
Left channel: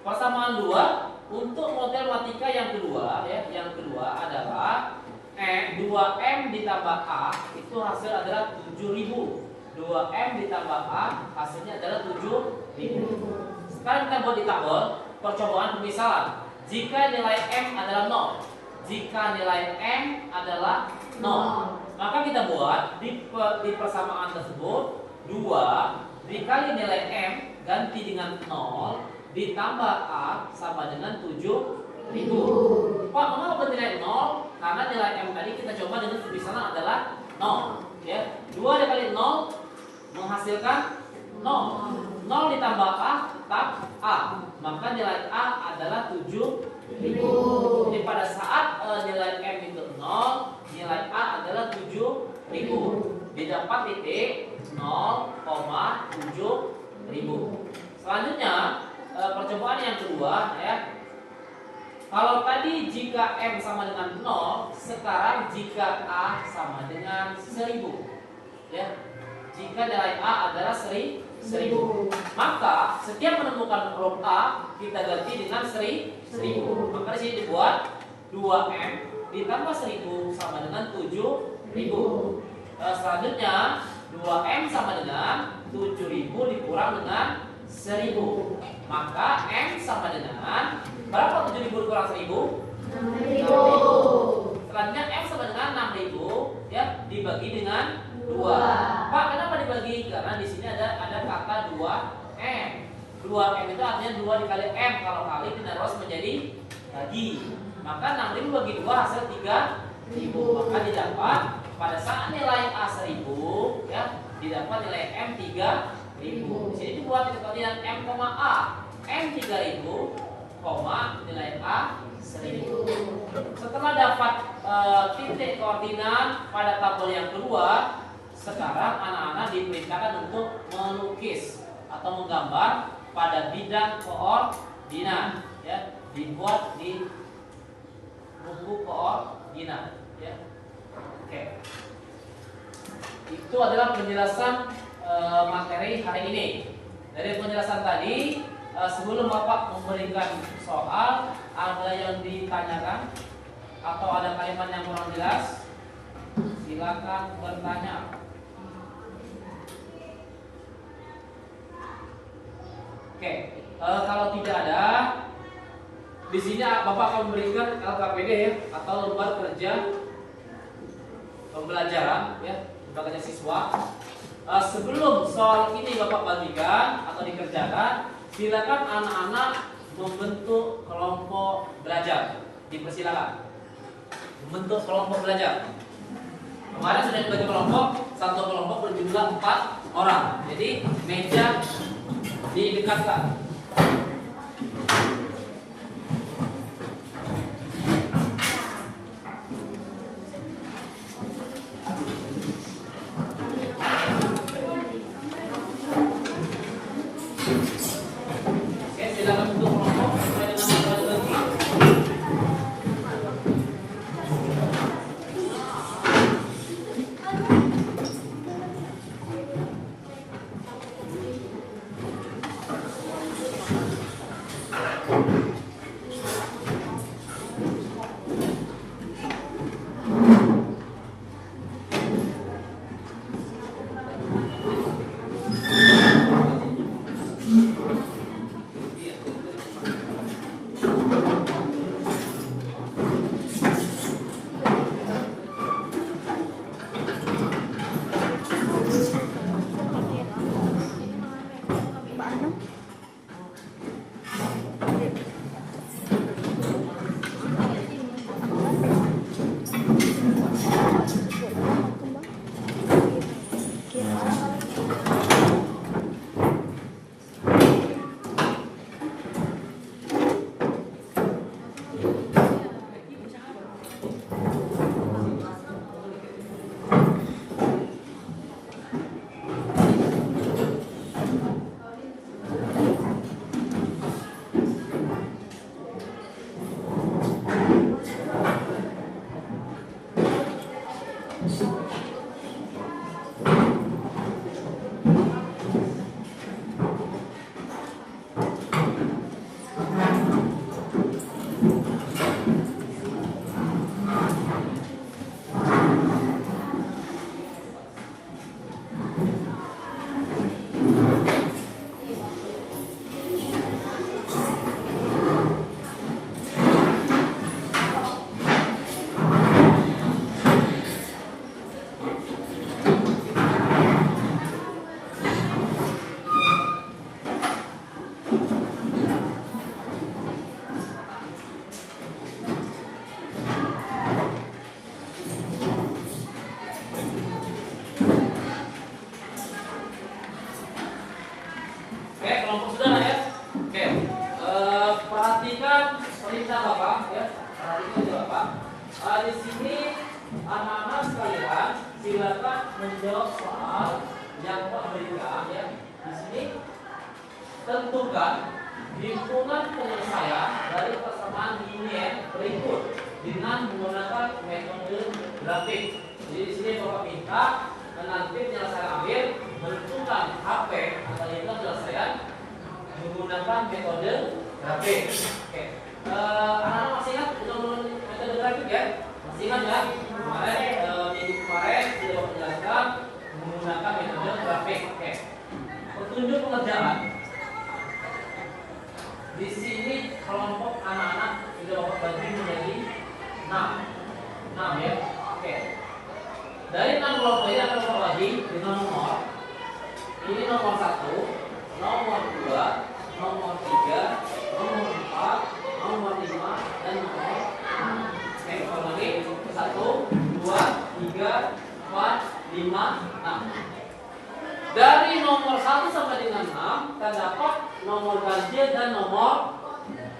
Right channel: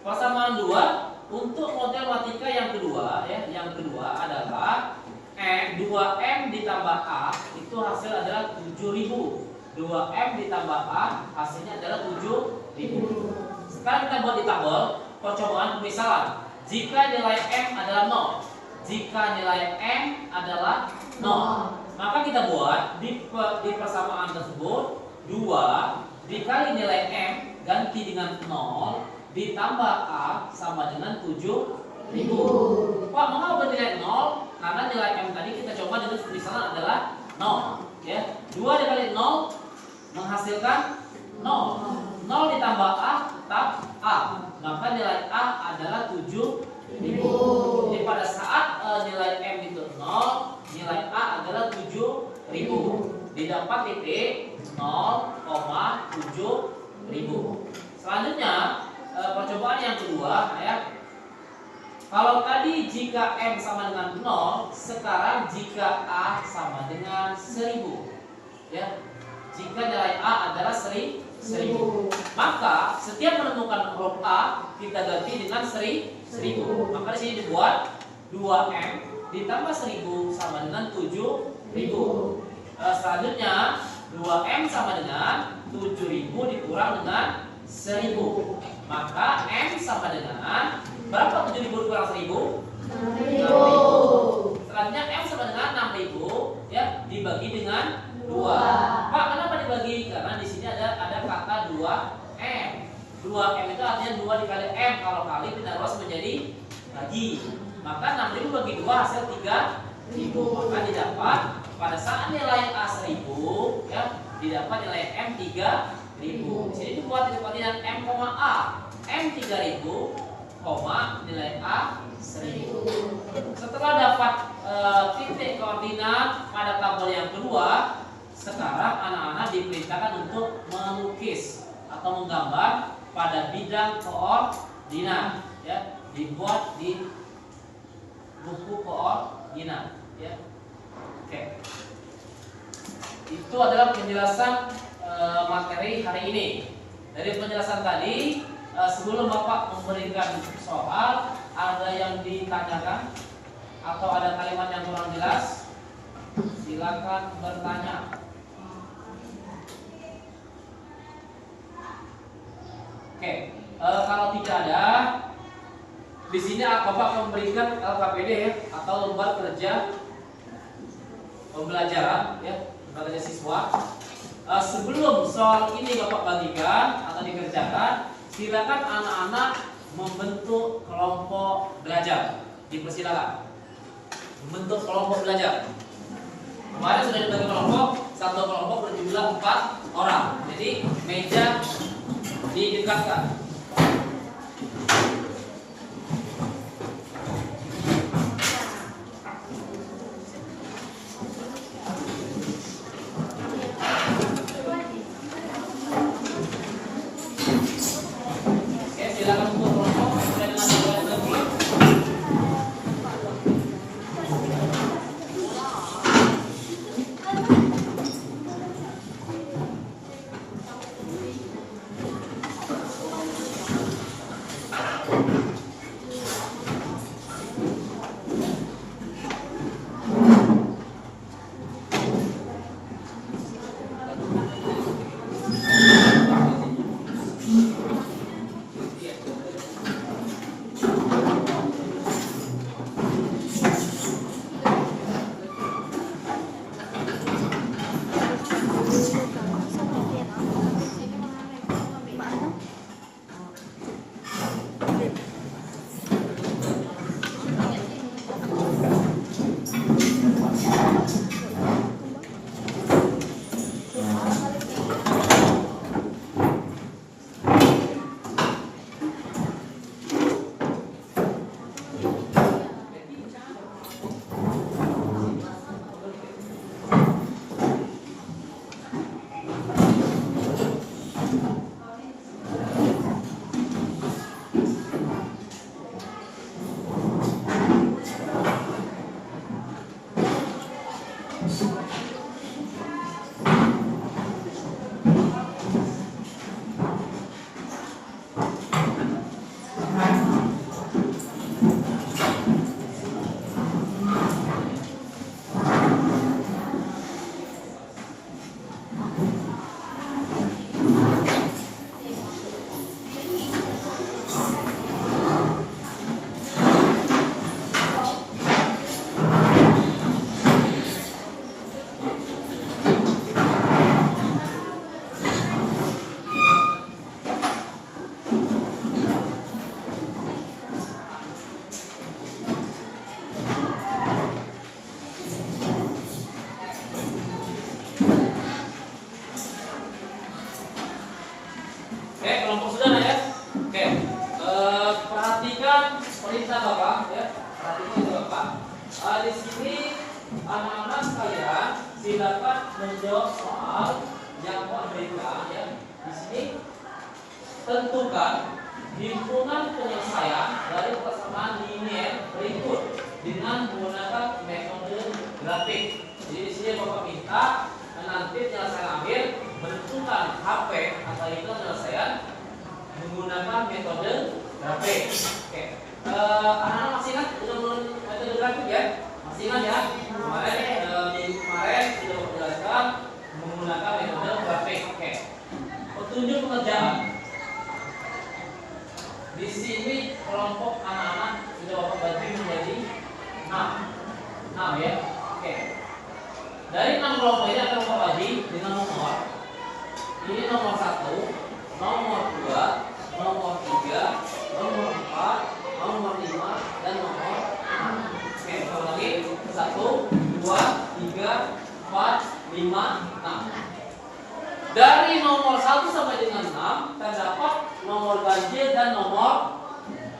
Persamaan 2 untuk model matematika yang kedua, ya. Yang kedua adalah 2M ditambah A itu hasil adalah 7.000. 2M ditambah A hasilnya adalah 7.000. Sekarang kita buat di tabel percobaan pemisalan. Jika nilai M adalah 0, jika nilai M adalah 0, maka kita buat di persamaan tersebut 2 dikali nilai M ganti dengan 0 ditambah A sama dengan 7.000. Pak, mengapa nilai 0? Karena nilai M tadi kita coba dengan pemisalan adalah 0. Ya, 2 dikali 0 menghasilkan 0. 0 ditambah A tetap A. Maka nilai A adalah 7.000. Jadi pada saat nilai M itu 0, nilai A adalah 7.000. Didapat titik 0,7.000. Selanjutnya percobaan yang kedua, ya, Kalau tadi jika M sama dengan 0, sekarang jika A sama dengan 1000. Ya. Jika nilai A adalah 1000, maka setiap menemukan huruf A kita ganti dengan 1000. Maka di sini dibuat 2M ditambah 1000 sama dengan 7000. Selanjutnya 2M sama dengan 7000 dikurang dengan 1000. Maka M sama dengan berapa 7000 dikurang 1000? 6000. Selanjutnya M sama dengan 6000 ya dibagi dengan 2. Pak, kenapa dibagi? Karena di sini ada kata 2M. 2M itu artinya 2 dikali M. Kalau kali tidak harus menjadi bagi. Maka 6000 bagi 2 hasil 3000. Maka didapat pada saat nilai A 1000 ya, didapat nilai M 3000. Di sini dibuat titik koordinat M, A. M 3000, nilai A 1000. Setelah dapat titik koordinat pada tabel yang kedua, sekarang anak-anak diperintahkan untuk melukis atau menggambar pada bidang koordinat ya, dibuat di buku koordinat ya. Oke. Itu adalah penjelasan materi hari ini. Dari penjelasan tadi, sebelum Bapak memberikan soal, ada yang ditanyakan atau ada kalimat yang kurang jelas? Silakan bertanya. Oke, kalau tidak ada, di sini Bapak akan memberikan LKPD ya, atau lembar kerja pembelajaran ya, lembar kerja siswa. Sebelum soal ini Bapak bagikan atau dikerjakan, silakan anak-anak membentuk kelompok belajar. Dipersilakan membentuk kelompok belajar. Kemarin sudah dibagi kelompok, satu kelompok berjumlah 4 orang. Jadi meja didekatkan. Oke, silakan untuk kelompok mulai dengan dimulai lagi. perintah Bapak ya. Perhatikan itu Bapak. Di sini anak-anak sekalian silakan menjawab soal yang Bapak berikan ya. Di sini tentukan himpunan penyelesaian dari persamaan linear berikut dengan menggunakan metode grafik. Jadi di sini Bapak minta nanti penyelesaian akhir menentukan HP atau hitungan penyelesaian menggunakan metode grafik. Oke, anak-anak masih ingat dengan metode grafik ya? Masih ingat ya? Minggu kemarin sudah menjelaskan menggunakan metode grafik. Oke, petunjuk pengerjaan. Di sini kelompok anak-anak sudah Bapak bagi menjadi 6 ya. Oke. Dari 6 kelompok ini akan Bapak bagi dengan nomor. Ini nomor 1, nomor 2, nomor 3, nomor 4, nomor 5 dan nomor 6. Oke, ulang lagi. 1, 2, 3, 4, 5, 6. Dari nomor 1 sampai dengan 6 terdapat nomor ganjil dan nomor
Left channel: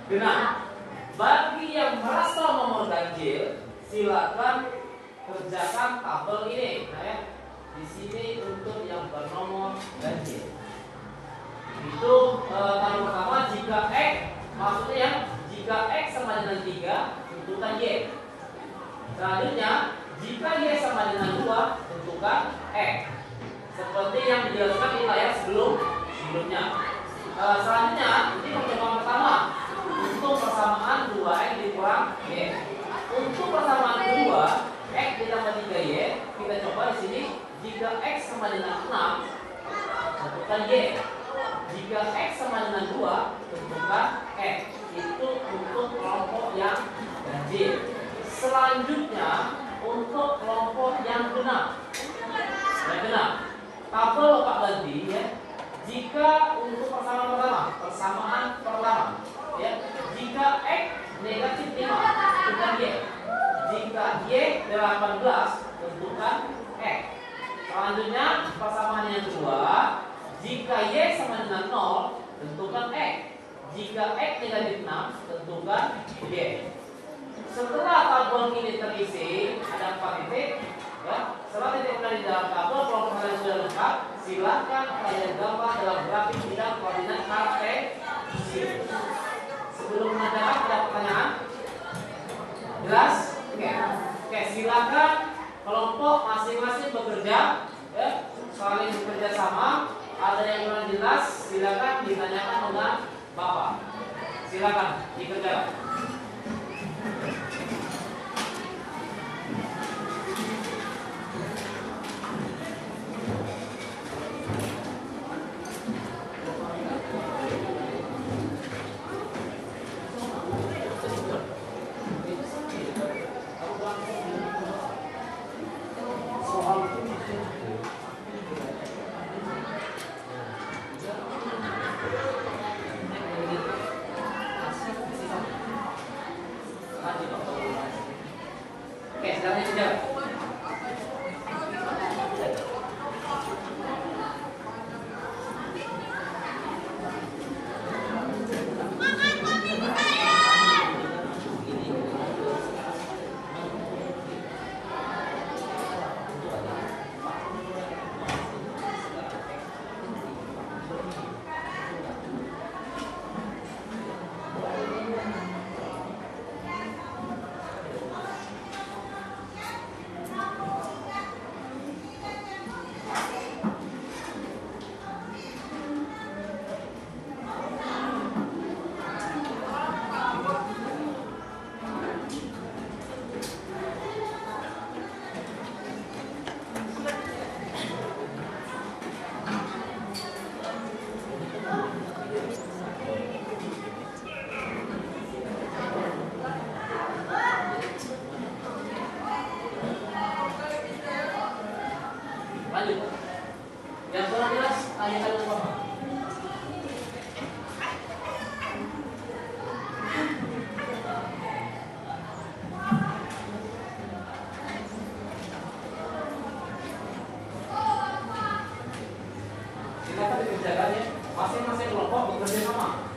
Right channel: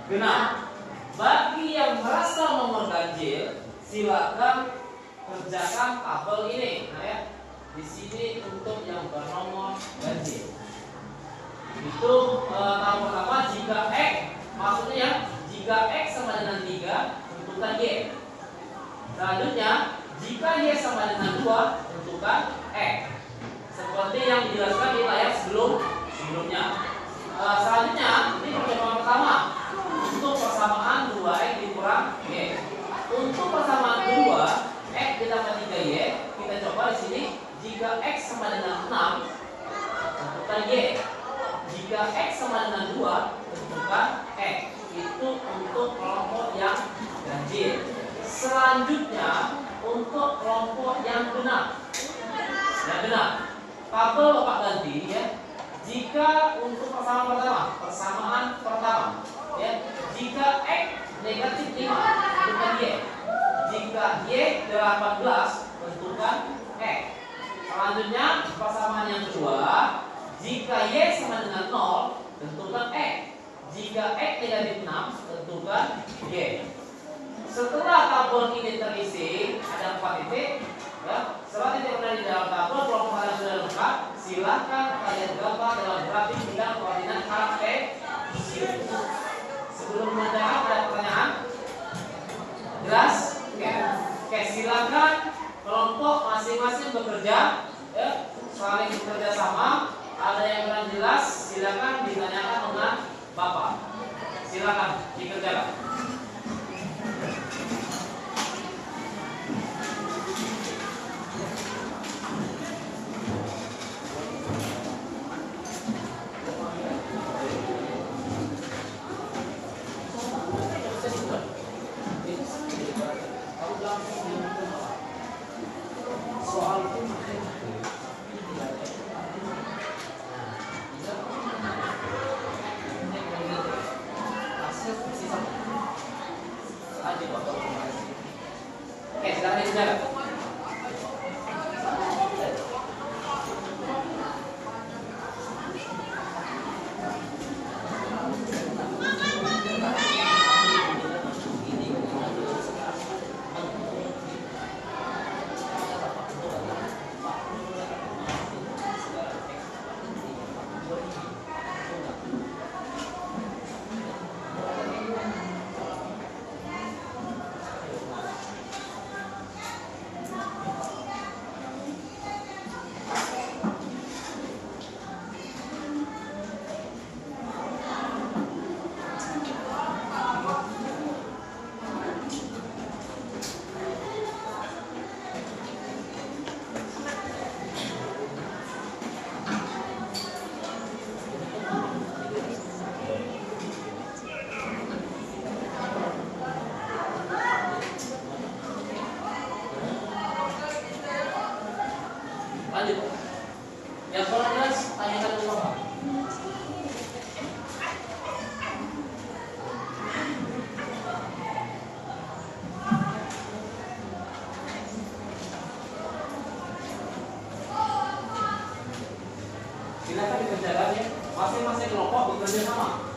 genap. Bagi yang merasa nomor ganjil, silakan kerjakan tabel ini. Nah ya, di sini untuk yang bernomor ganjil. Itu tabel pertama jika X, maksudnya ya, jika X sama dengan 3, tentukan Y. Selanjutnya, jika Y sama dengan 2, tentukan X. Seperti yang dijelaskan di layar sebelumnya. Selanjutnya, ini percobaan pertama untuk persamaan 2x dikurang y. Untuk persamaan kedua, x ditambah 3y, kita coba di sini. Jika x sama dengan 6, tentukan y. Jika x sama dengan 2, tentukan x. Itu untuk kelompok yang ganjil. Selanjutnya, untuk kelompok yang genap. Yang genap. Tabel Bapak ganti ya. Jika untuk persamaan pertama ya, jika x negatif 5 tentukan y. Jika y 18 tentukan x. Selanjutnya persamaan yang kedua, jika y sama dengan 0 tentukan x. Jika x negatif 6 tentukan y. Setelah tabel ini terisi ada 4 titik ya. Setelah titik di dalam tabel kelompok kalian sudah lengkap, silahkan kalian gambar dalam grafik bidang koordinat kartesisme. Sebelum menanyakan ada pertanyaan? Jelas? Oke, silakan kelompok masing-masing bekerja ya, saling bekerja sama. Ada yang kurang jelas silakan ditanyakan dengan Bapak. Silakan dikerjakan. Oke, sekarang juga. Lanjut. Yang kurang jelas tanyakan ke Bapak. Silakan dikerjakan ya. Masing-masing kelompok bekerja sama.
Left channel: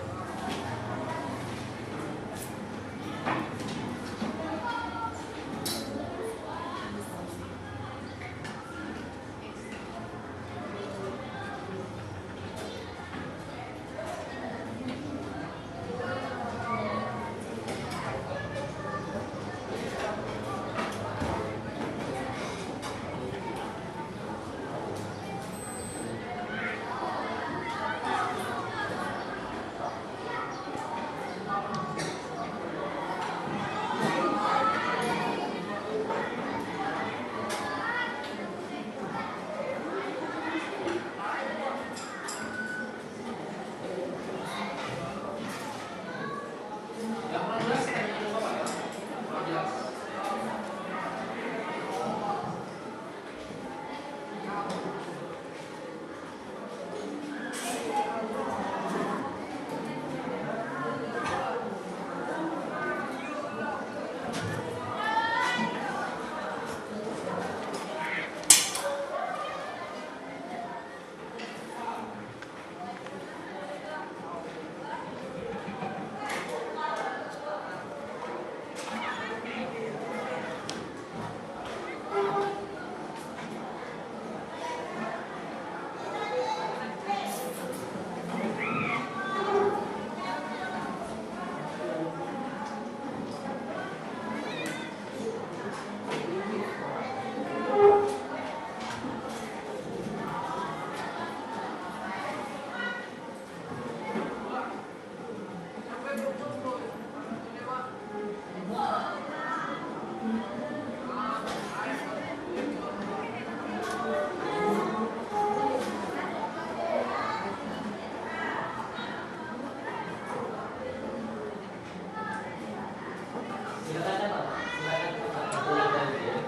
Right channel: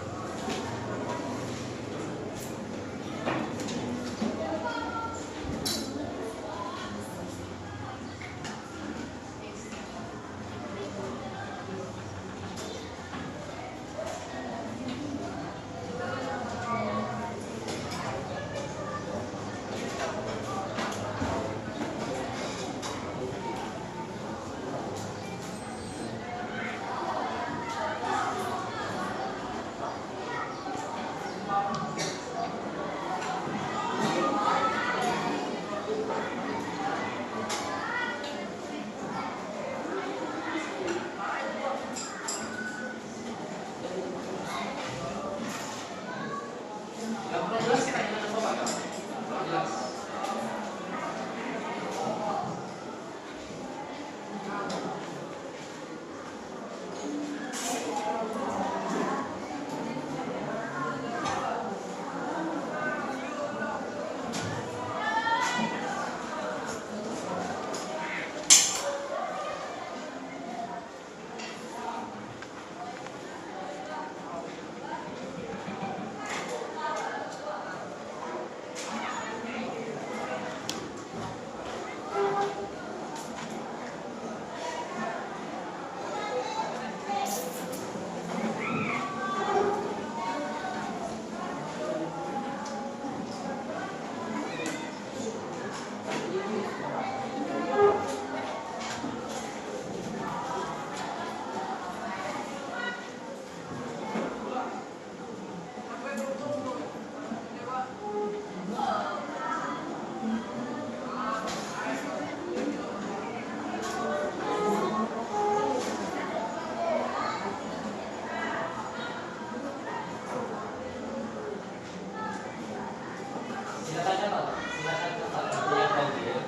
ganjil.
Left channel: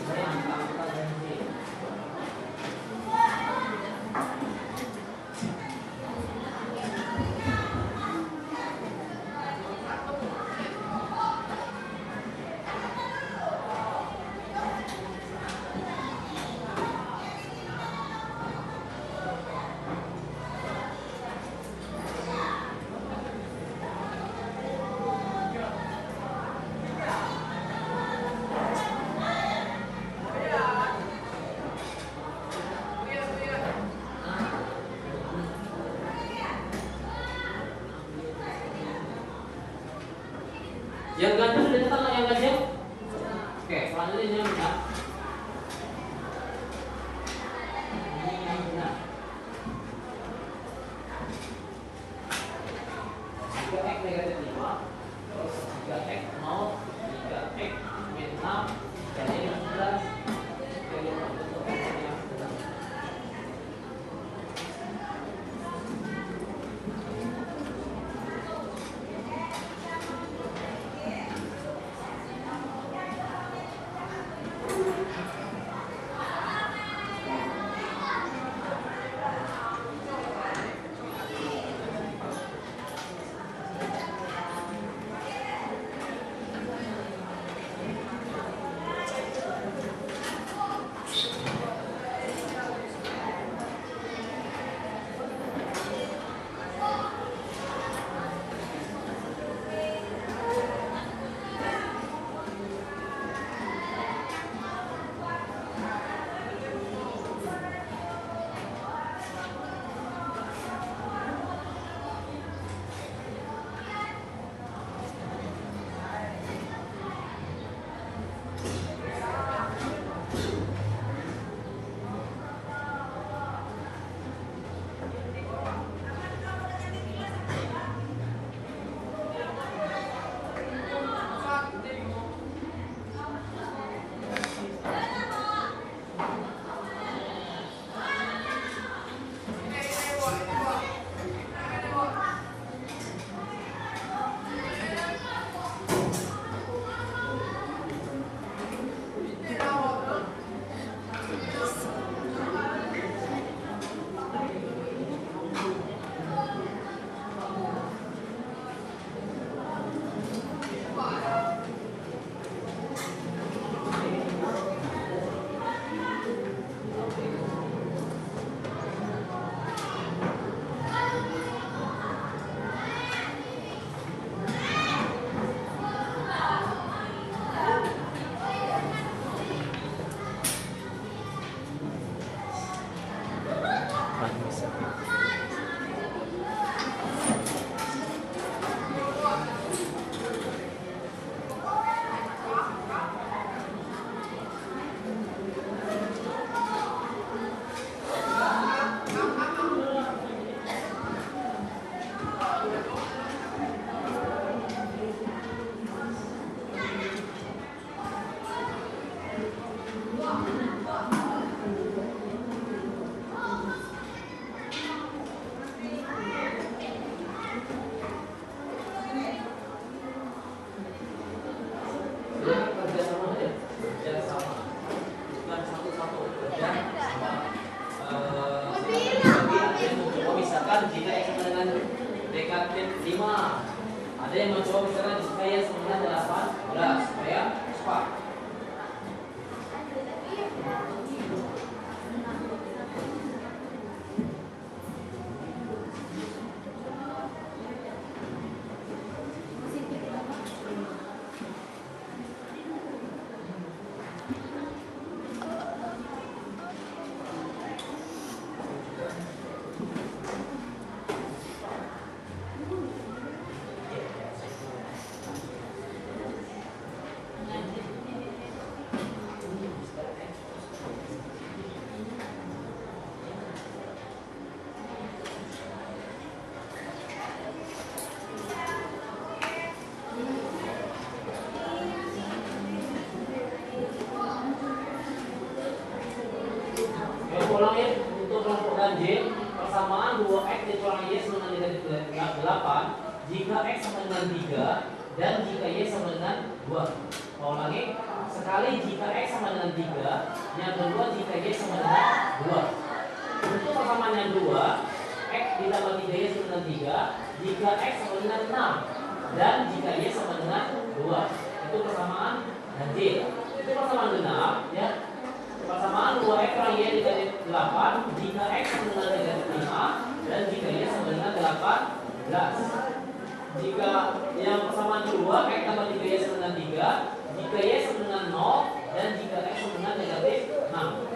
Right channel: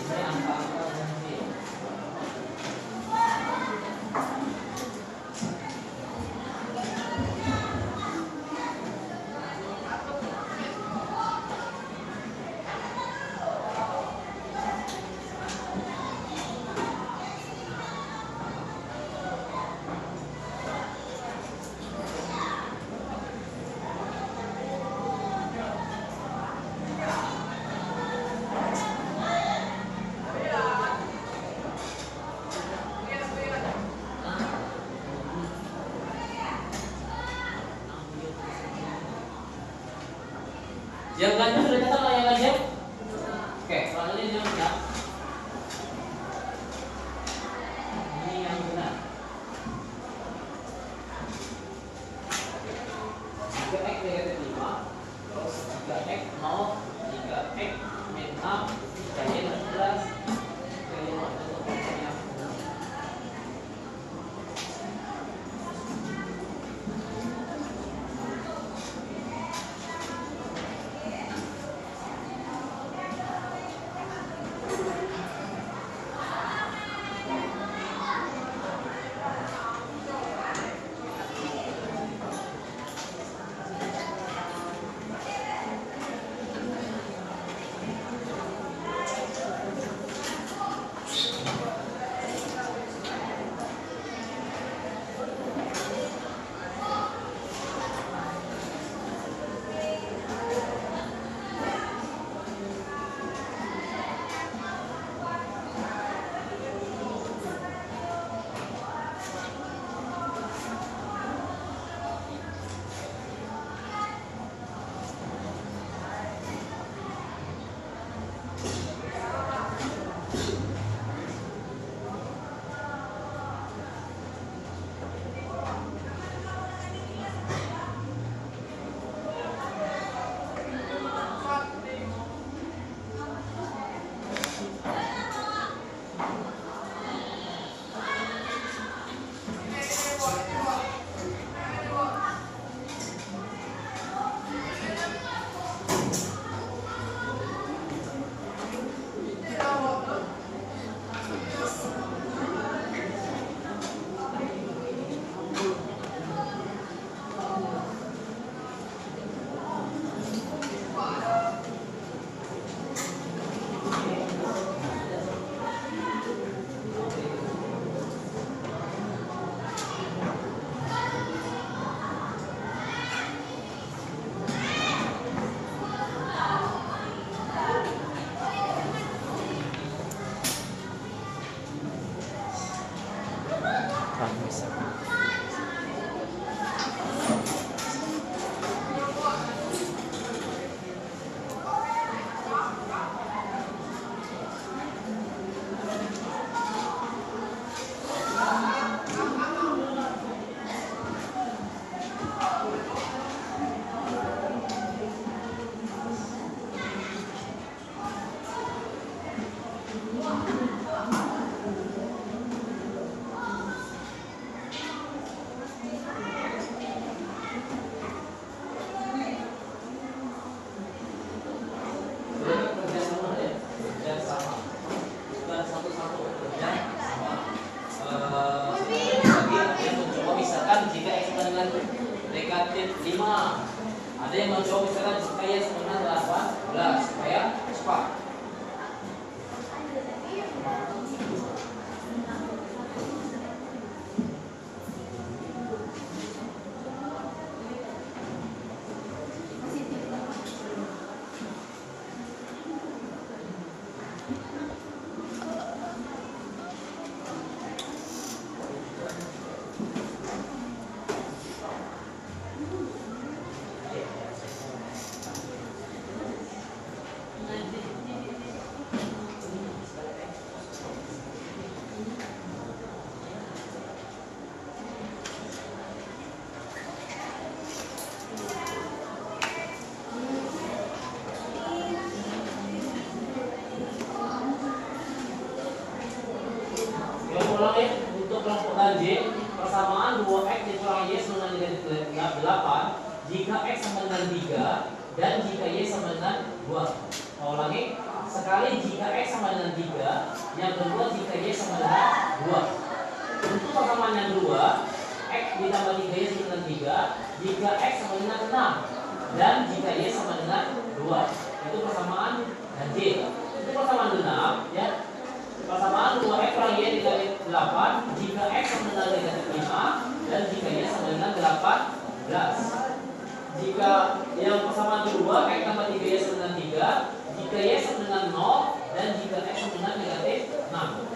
Ini angka-angka ganjil. Yang ganjil sudah datang yang ganjil? Oke, selanjutnya yang benar. Ini yang benar. Jika X negatif 5, terus jika X 0, jika X min 6, jika Y 11, jika Y untuk fungsinya. Ada yang mencoba misalkan supaya sebenarnya 18 supaya cepat. Ulang ya, untuk kelompok ganjil persamaan 2x dikurangi y sama dengan 8 jika x sama dengan 3 dan jika y sama dengan 2. Mau ulangi? sekali jika X sama dengan 3, yang kedua jika Y sama dengan 2. Untuk persamaan yang kedua, X ditambah 3Y sama dengan 3 jika X sama dengan 6 dan jika Y sama dengan 2. Itu persamaan dan J. Itu persamaan genap ya. Persamaan 2X kurang Y dikali 8 jika X sama dengan negatif 5 dan jika Y sama dengan 18. Jika yang persamaan kedua X tambah 3Y sama dengan 3 jika Y sama dengan 0 dan jika X sama dengan negatif 6.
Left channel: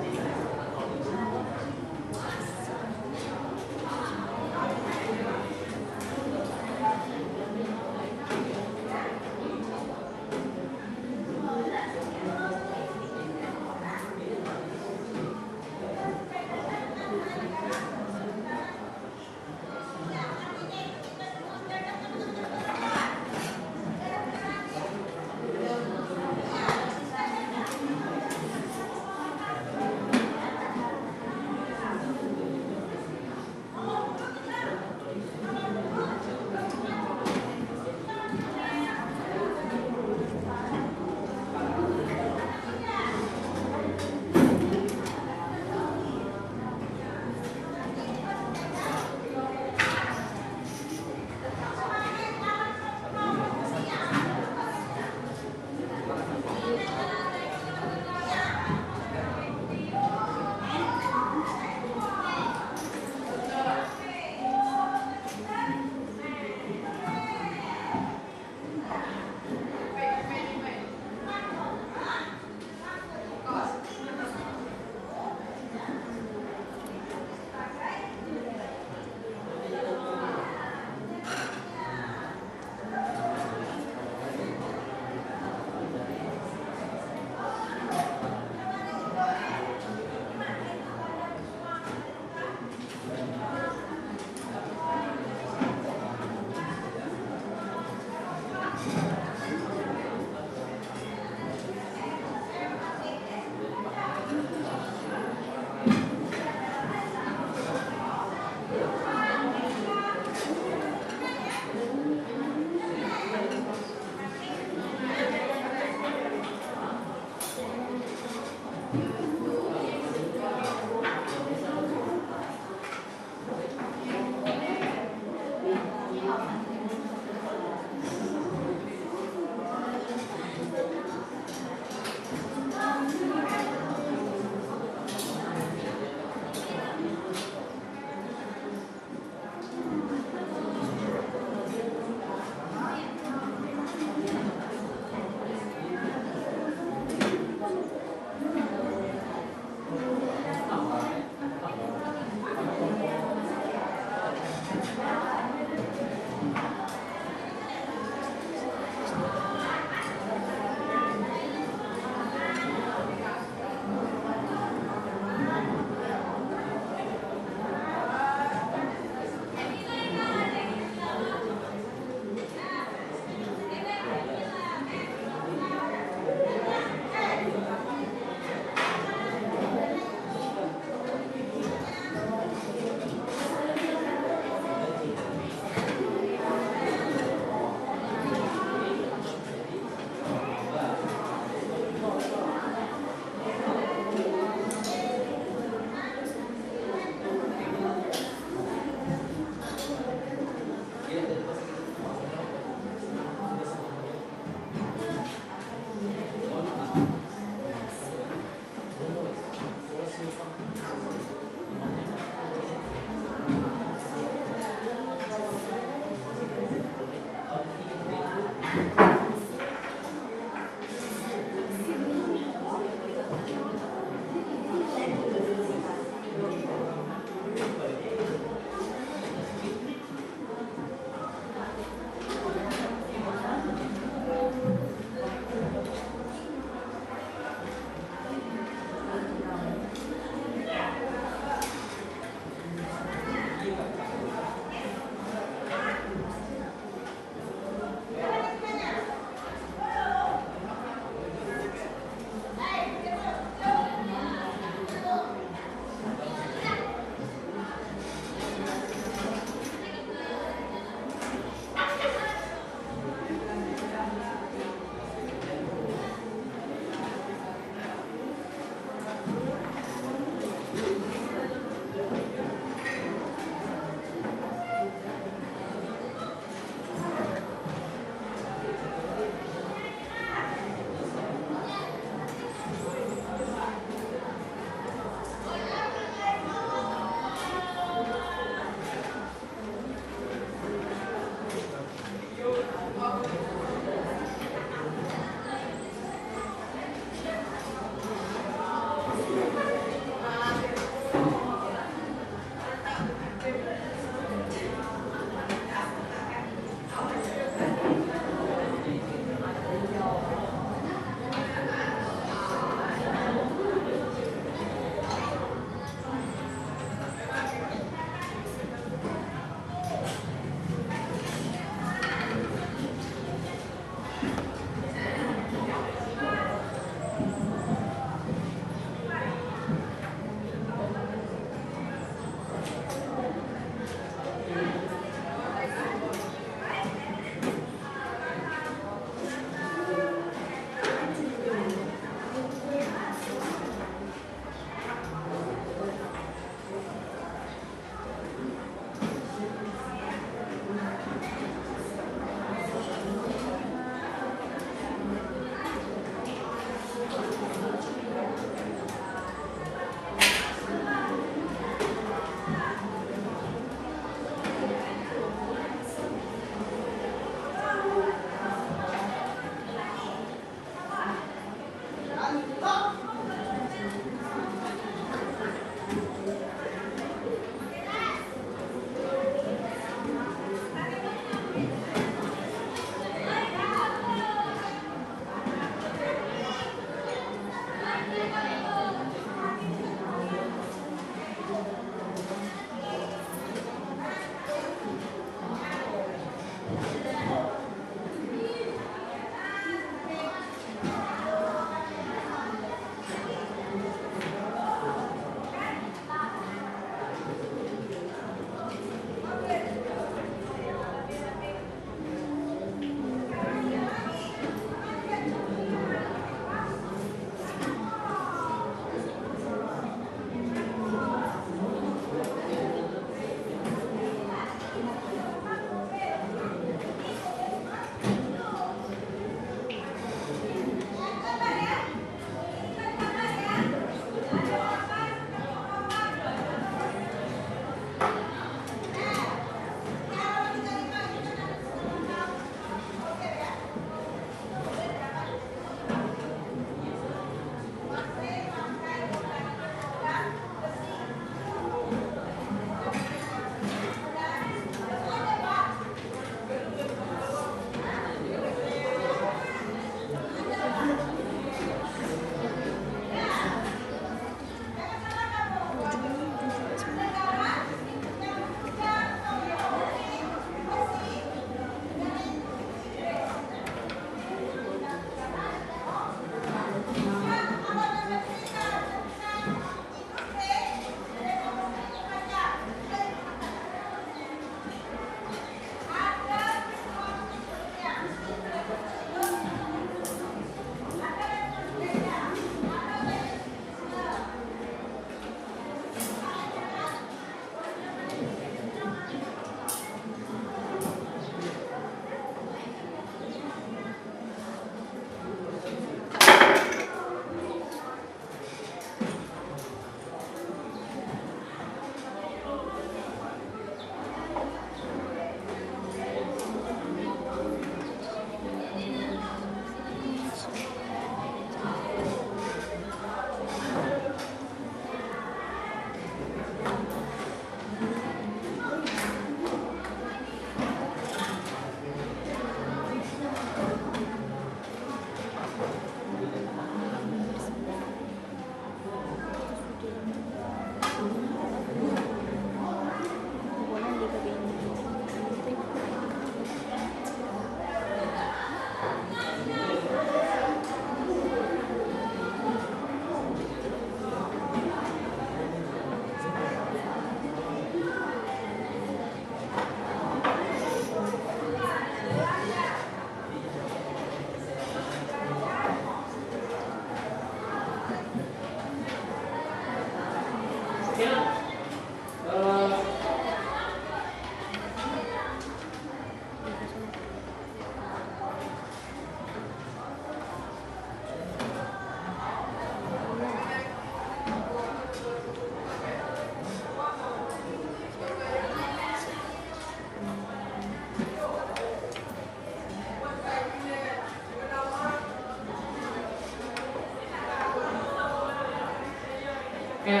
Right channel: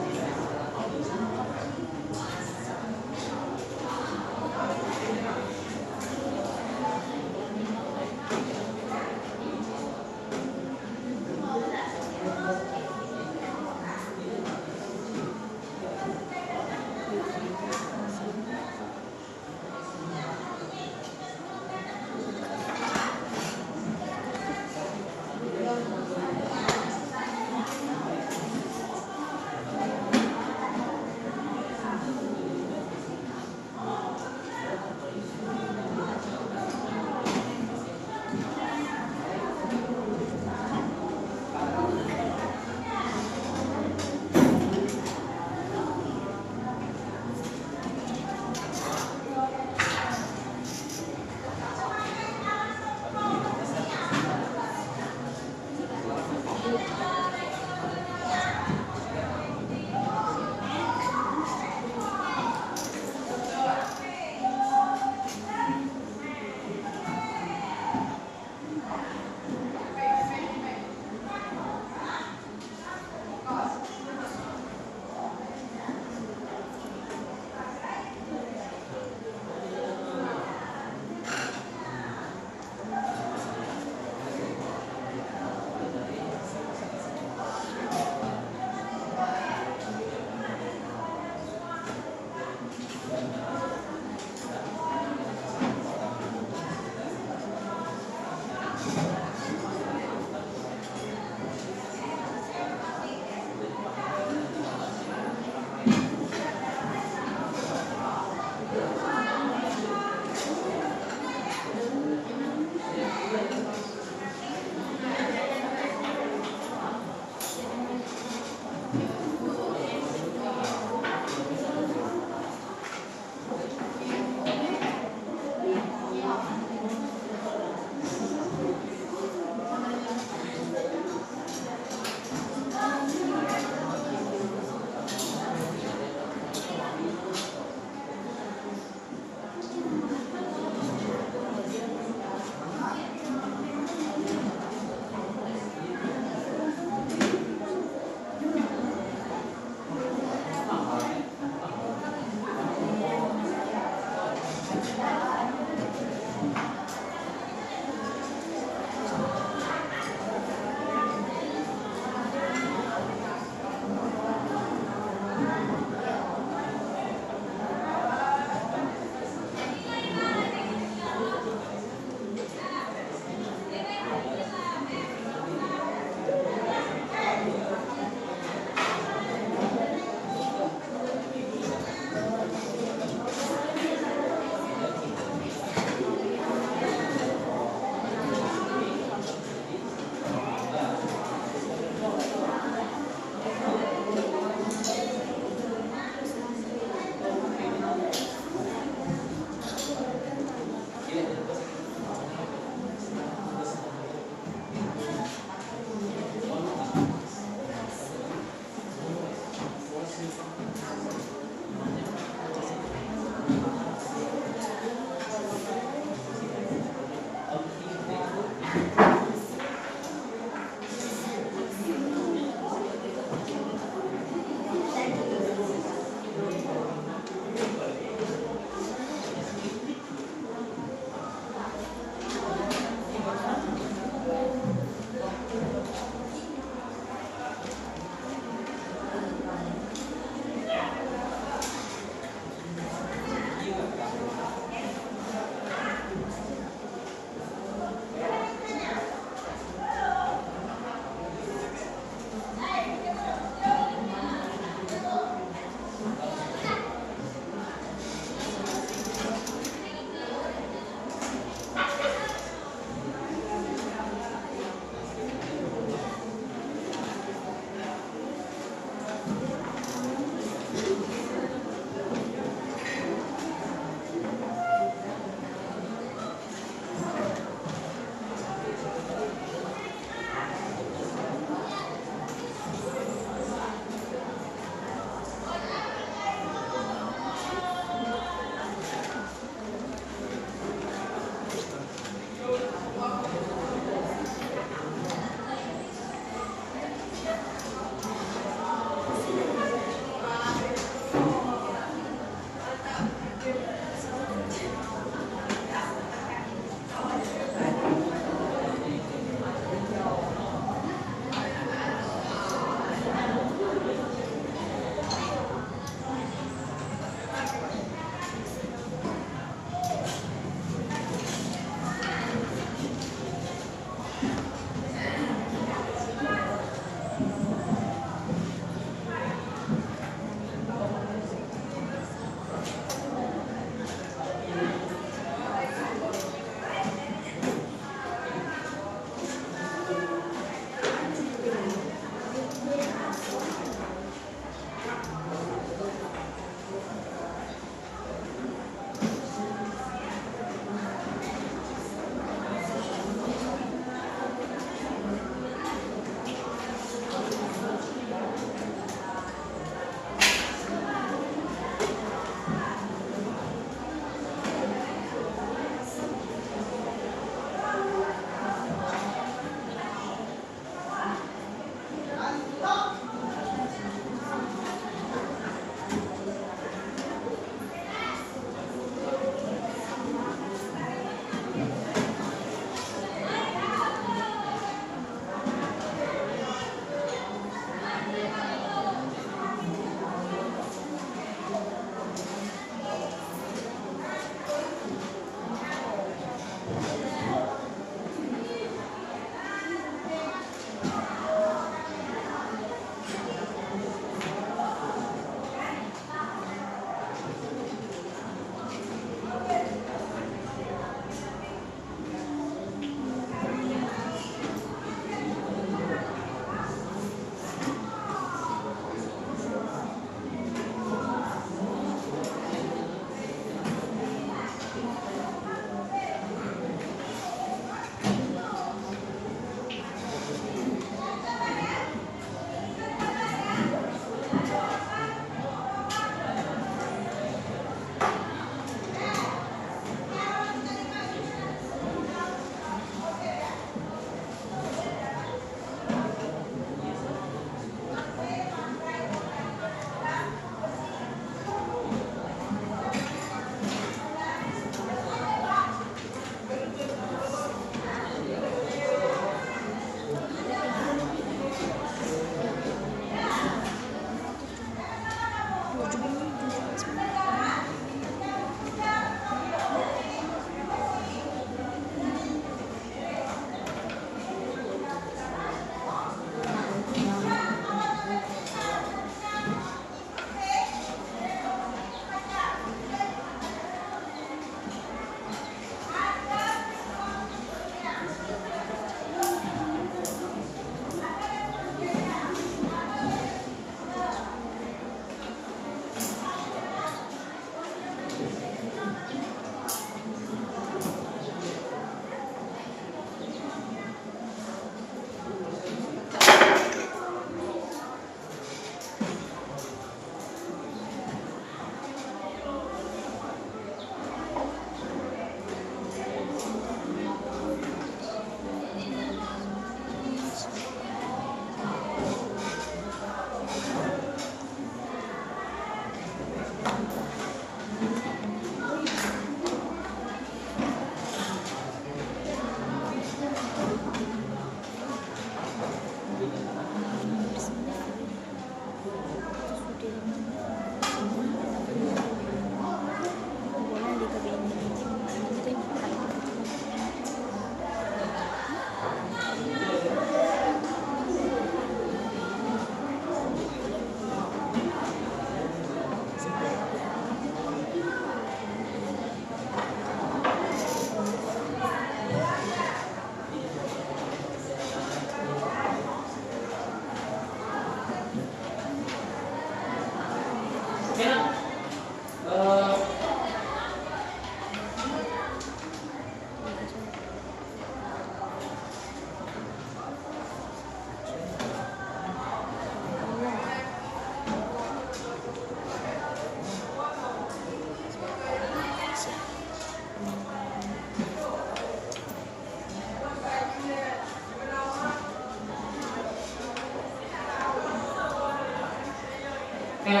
Oke,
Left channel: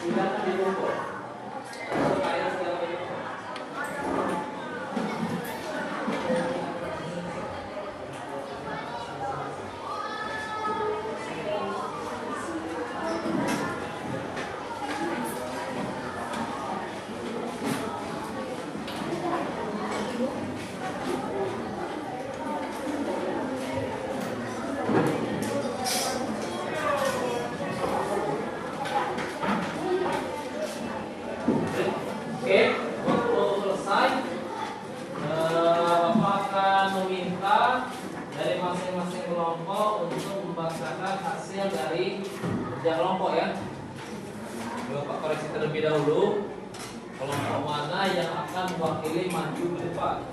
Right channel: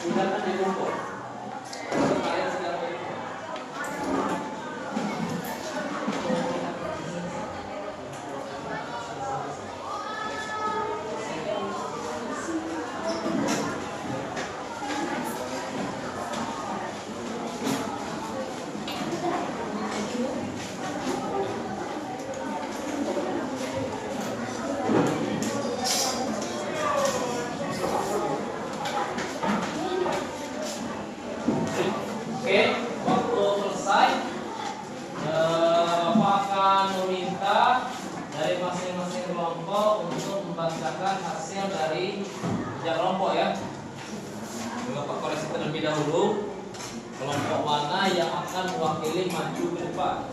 silakan di kelompok. Kalian silakan di kelompok. Oke, waktu selesai, Bapak akan meminta dari masing-masing kelompok untuk membacakan hasil dari kerja kelompok ya. Bapak koreksi terlebih dahulu, kelompok mana yang akan mewakili maju ke depan.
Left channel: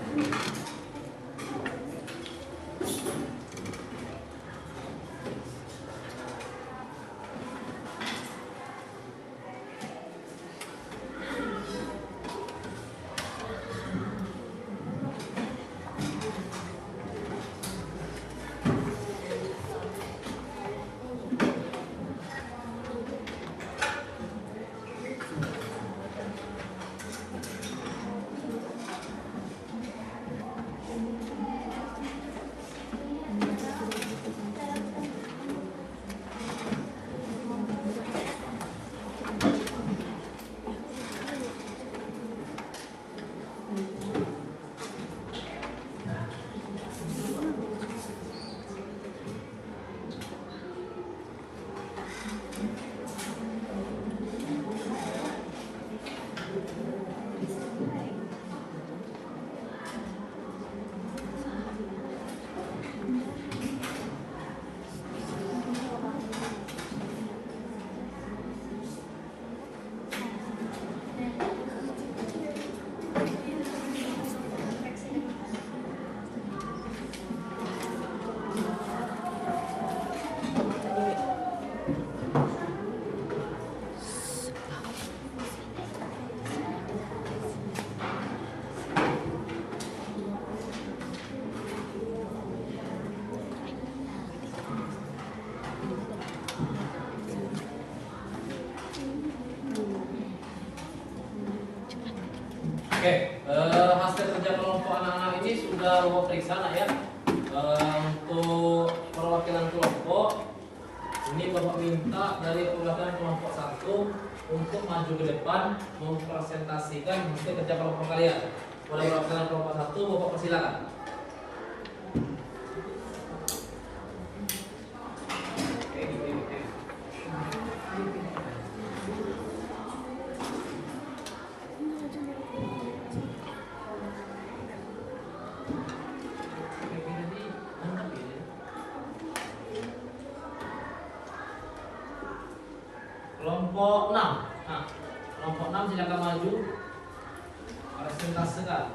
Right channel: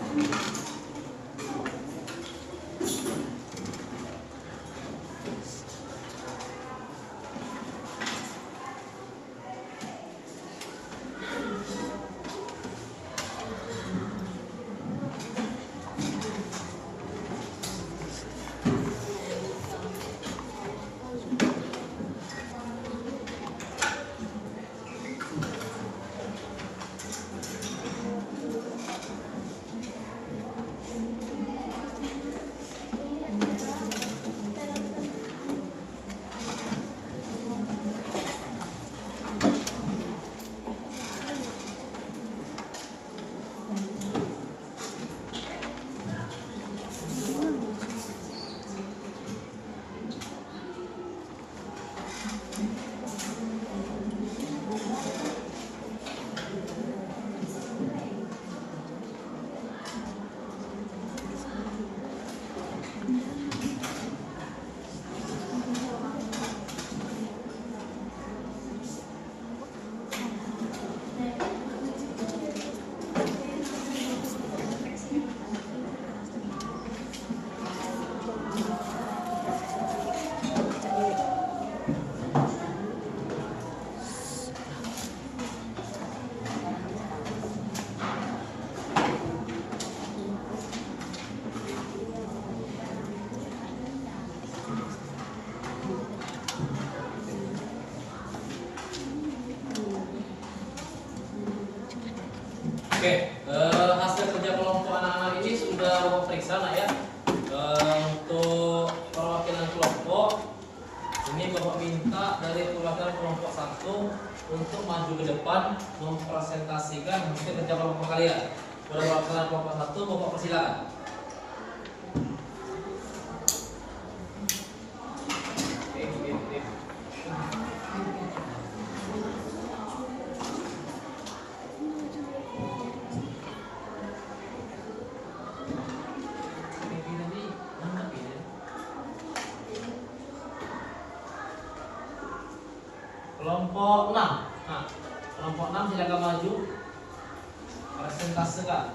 Oke, hasil kerja kelompok anak-anak ini sudah Bapak periksa nak ya. Untuk perwakilan kelompok ini Bapak minta dari perwakilan kelompok 1 untuk maju ke depan mempresentasikan hasil kerja kelompok kalian. Pada perwakilan kelompok 1 Bapak persilakan. Kelompok 6. Nah, kelompok 6 silakan maju. Presentasikan.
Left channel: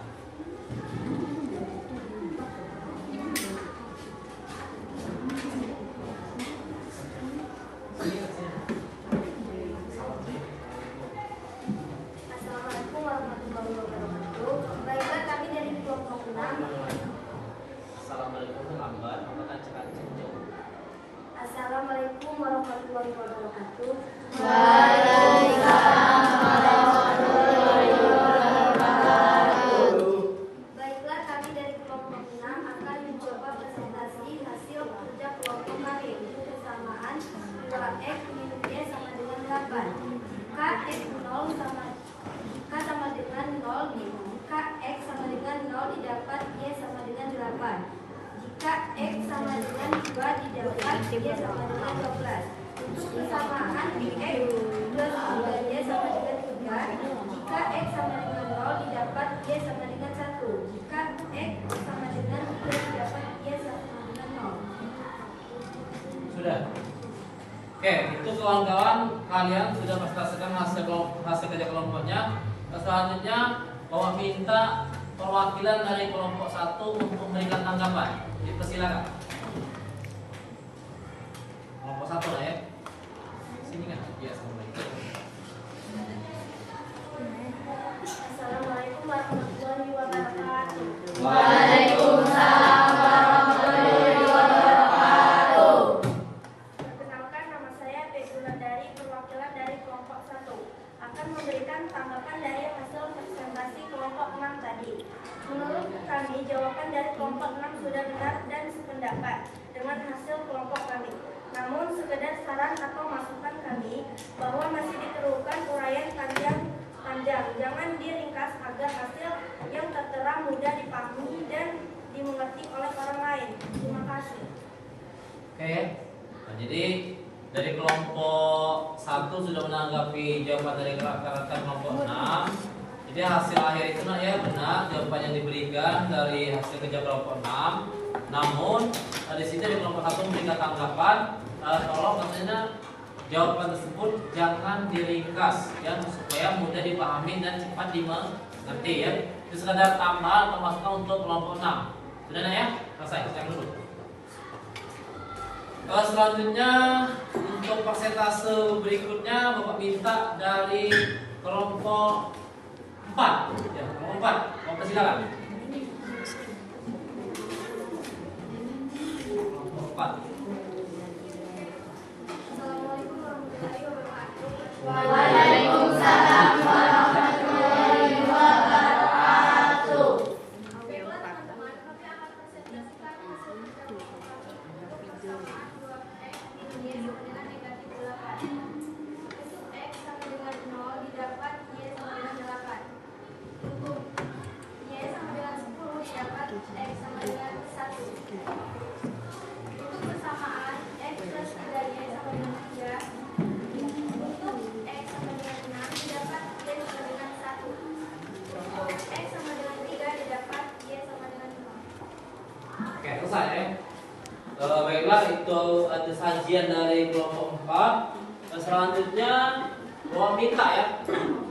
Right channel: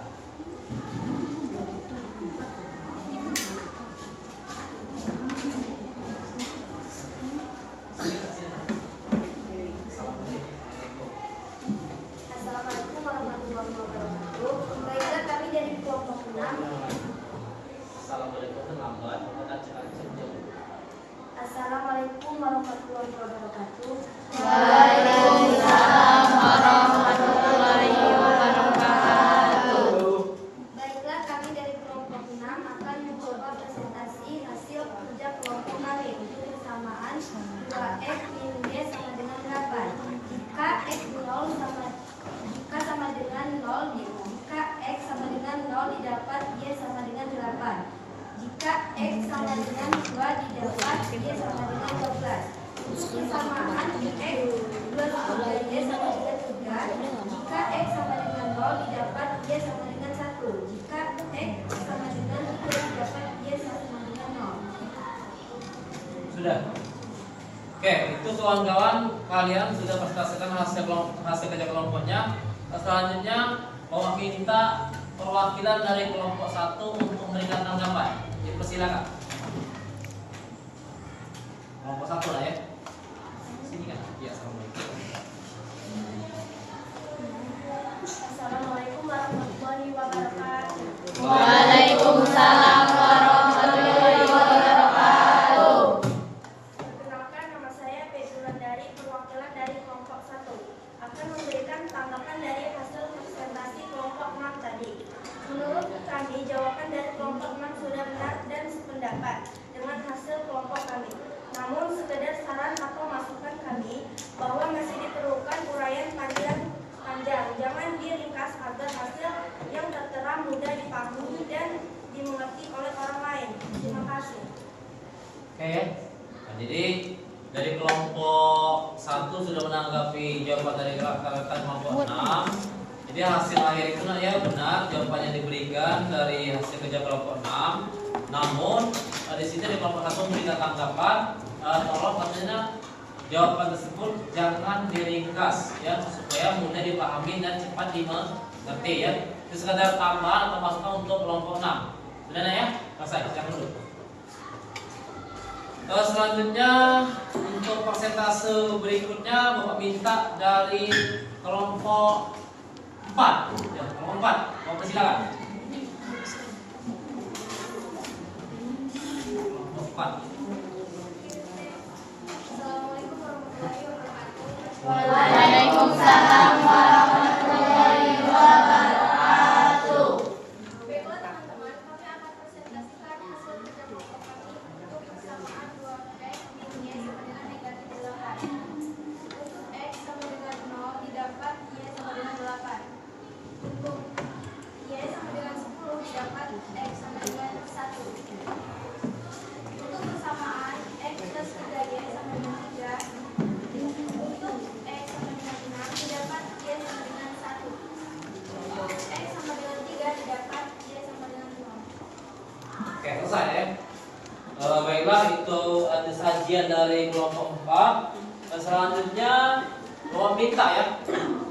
Assalamualaikum warahmatullahi wabarakatuh. Baiklah, kami dari kelompok 6. Assalamualaikum lambat, Bapak cek jauh. Assalamualaikum warahmatullahi wabarakatuh. Waalaikumsalam warahmatullahi wabarakatuh. Baiklah, kami dari kelompok 6 akan mencoba presentasi hasil kerja kelompok kami untuk persamaan 2x min y sama dengan 8. Jika x 0 sama k sama dengan 0 jika x sama dengan 0 didapat y sama dengan 8. Jika x sama dengan 2 didapat y sama dengan 12. Untuk persamaan x plus 3y sama dengan 3. Jika x sama dengan 0 didapat y sama dengan 1. Jika x sama dengan 3 didapat y sama dengan 0. Sudah. Oke, itu kawan-kawan kalian sudah presentasikan hasil kerja kelompoknya. Selanjutnya Bapak minta perwakilan dari kelompok 1 untuk memberikan tanggapan. Dipersilakan. Kelompok 1 lah ya. Sini kan? Ya, assalamualaikum. Assalamualaikum warahmatullahi wabarakatuh. Waalaikumsalam warahmatullahi wabarakatuh. Perkenalkan, nama saya Februlan dari perwakilan dari akan memberikan tanggapan dari hasil presentasi kelompok 6 tadi. Menurut kami, jawaban dari kelompok 6 sudah benar dan sependapat dengan hasil kelompok kami. Namun, sekedar saran atau masukan kami bahwa masih diperlukan uraian panjang. Jangan diringkas agar hasil yang tertera mudah dipahami dan dimengerti oleh orang lain. Terima kasih. Oke. Nah, jadi dari kelompok 1 sudah menanggapi jawaban dari rekan-rekan kelompok 6. Jadi hasil akhir itu ya benar jawabannya diberikan dari hasil kerja kelompok 6. Namun di sini dari kelompok 1 memberikan tanggapan, tolong katanya jawaban tersebut jangan diringkas ya supaya mudah dipahami dan cepat dimengerti ya. Itu sekadar tambahan atau masukan untuk kelompok 6. Benar ya? Selesai, sekarang dulu. Selanjutnya untuk persentase berikutnya Bapak minta dari kelompok 4 ya, kelompok 4. Mau silakan. Kelompok 4. Assalamualaikum warahmatullahi wabarakatuh. Waalaikumsalam warahmatullahi wabarakatuh. Baiklah teman-teman, kami akan presentasikan hasil kerja kelompok kami untuk persamaan 2x din y sama dengan negatif 8. Untuk x sama dengan 0 didapat y sama dengan 8. Untuk y sama dengan 10 didapat x sama dengan 1. Untuk persamaan x plus 3y sama dengan 3. Untuk x sama dengan 6 didapat y sama dengan 1. Untuk x sama dengan 3 didapat y sama dengan 0. Oke, selesai ya. Baiklah, itu ada sajian dari kelompok 4. Selanjutnya Bapak minta ya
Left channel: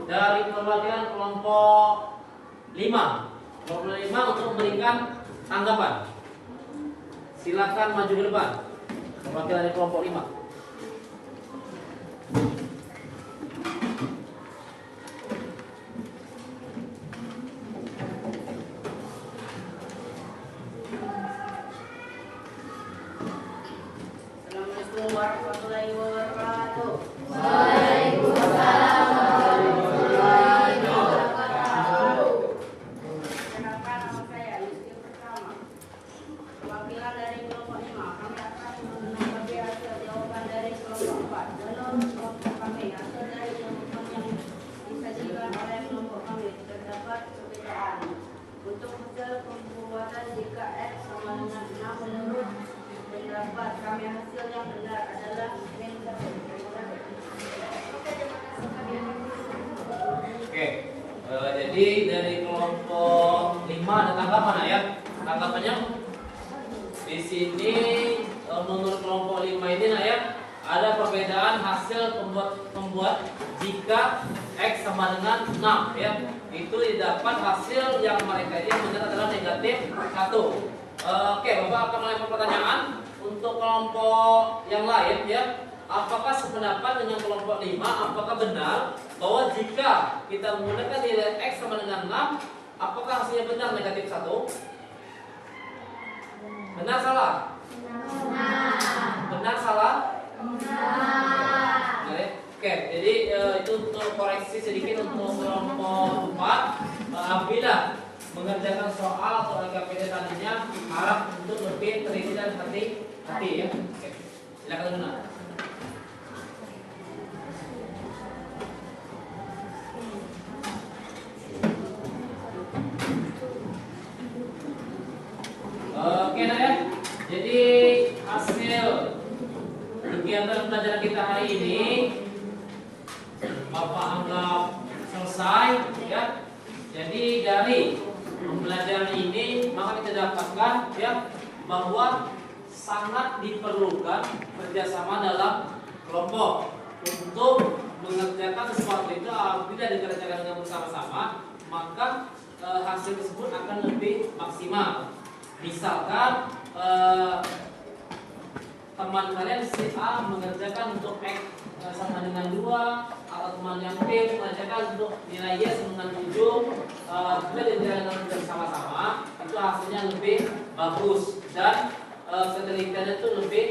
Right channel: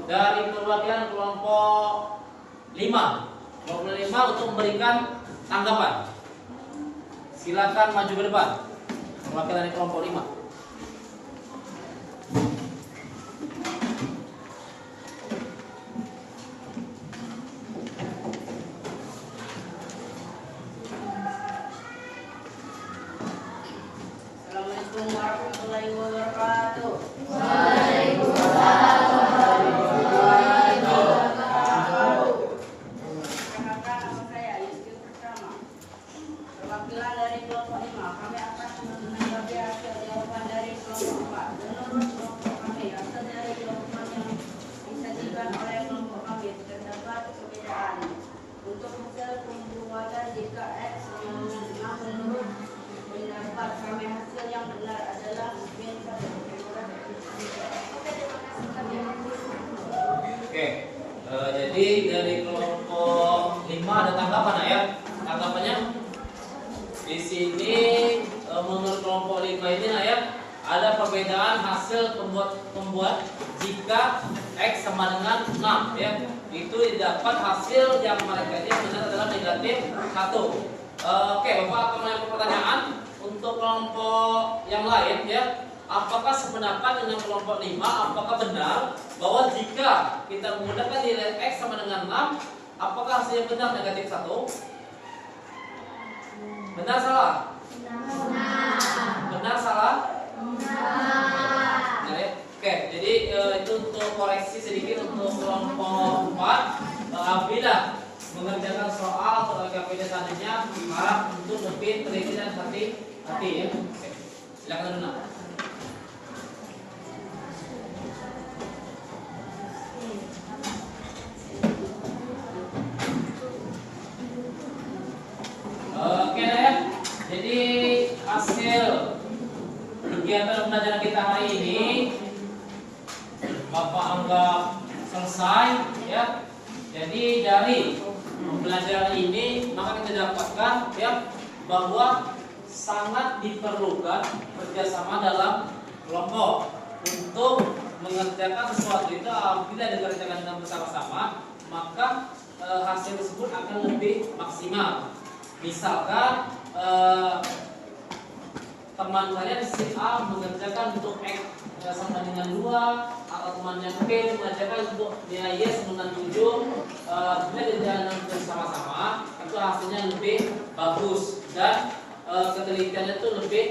dari perwakilan kelompok 5. Kelompok 5 untuk memberikan tanggapan. Silakan maju ke depan. Perwakilan dari kelompok 5. Assalamualaikum warahmatullahi wabarakatuh. Waalaikumsalam warahmatullahi wabarakatuh. Perkenalkan, nama saya Yusuf Pertama. Perwakilan dari kelompok 5, kami akan menanggapi hasil jawaban dari kelompok 4. Menurut kelompok kami, hasil dari jawaban yang disajikan oleh kelompok kami terdapat perbedaan. Untuk hasil pembuatan jika x sama dengan 6, menurut pendapat kami hasil yang benar adalah min 1. Oke. Jadi dari kelompok 5 ada tanggapan ya. Tanggapannya di sini menurut kelompok 5 ini ya ada perbedaan hasil pembuat jika x sama dengan 6 ya. Itu didapat hasil yang mereka yang benar adalah negatif 1. Oke, Bapak akan mulai pertanyaan untuk kelompok yang lain ya. Apakah sependapat dengan kelompok 5? Apakah benar bahwa jika kita menggunakan nilai x sama dengan 6, apakah hasilnya benar negatif 1? Benar salah? Benar salah? Benar ya? Oke, jadi itu untuk koreksi sedikit untuk kelompok 4. Apabila mengerjakan soal atau LKPD tadinya harap untuk lebih teliti dan hati-hati ya. Oke. Silakan Luna. Oke nah ya. Jadi hasil kegiatan pelajaran kita hari ini Bapak anggap selesai ya. Jadi dari pembelajaran ini maka kita dapatkan ya bahwa sangat diperlukan kerjasama dalam kelompok untuk mengerjakan sesuatu itu. Apabila dikerjakan dengan bersama-sama maka hasil tersebut akan lebih maksimal. Misalkan teman kalian si A mengerjakan untuk X sama dengan 2, atau teman yang B mengerjakan untuk nilai Y sama dengan 7. Bila dikerjakan bersama-sama itu hasilnya lebih bagus dan ketelitiannya itu lebih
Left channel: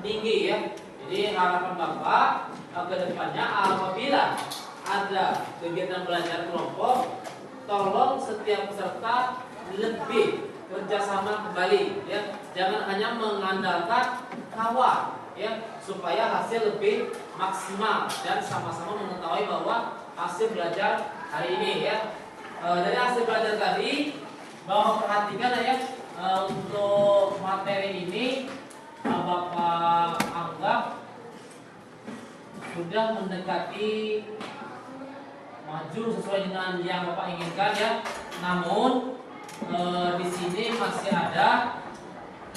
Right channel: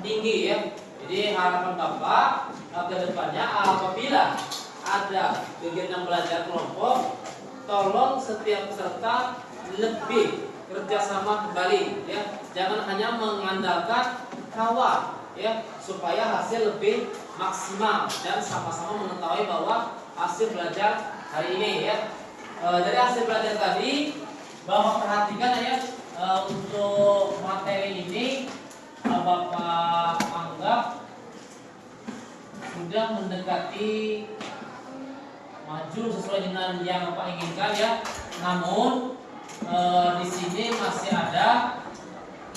tinggi ya. Jadi harapan Bapak ke depannya apabila ada kegiatan belajar kelompok, tolong setiap peserta lebih kerjasama kembali, ya. Jangan hanya mengandalkan kawan, ya, supaya hasil lebih maksimal dan sama-sama mengetahui bahwa hasil belajar hari ini, ya. Dari hasil belajar tadi, Bapak perhatikan ya, untuk materi ini Bapak anggap sudah mendekati maju sesuai dengan yang Bapak inginkan, ya. Namun di sini masih ada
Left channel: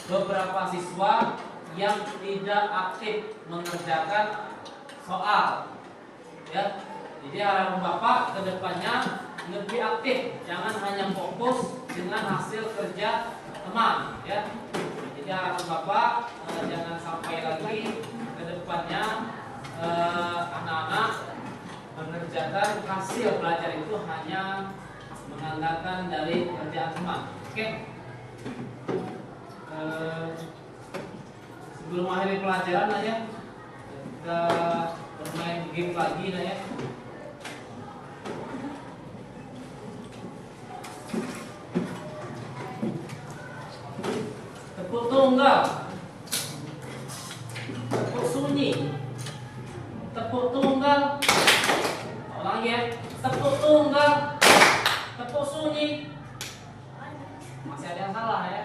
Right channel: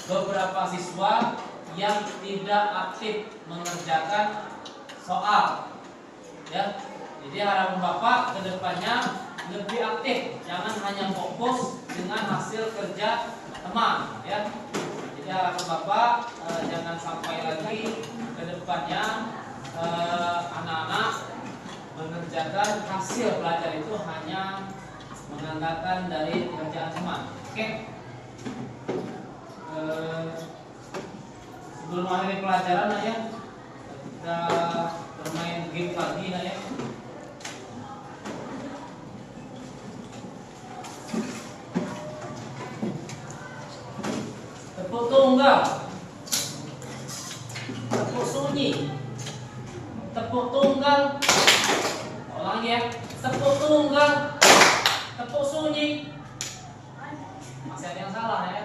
beberapa siswa yang tidak aktif mengerjakan soal, ya. Jadi harapan Bapak ke depannya lebih aktif, jangan hanya fokus dengan hasil kerja teman, ya. Jadi harapan Bapak jangan sampai lagi ke depannya anak-anak mengerjakan hasil belajar itu hanya mengandalkan dari pekerjaan teman. Oke. Sebelum akhir pelajaran, ya, kita bermain game lagi, ya. Tepuk tunggal, tepuk sunyi, tepuk tunggal. Ulang lagi, ya. Tepuk tunggal, tepuk sunyi. Masih ada yang salah, ya.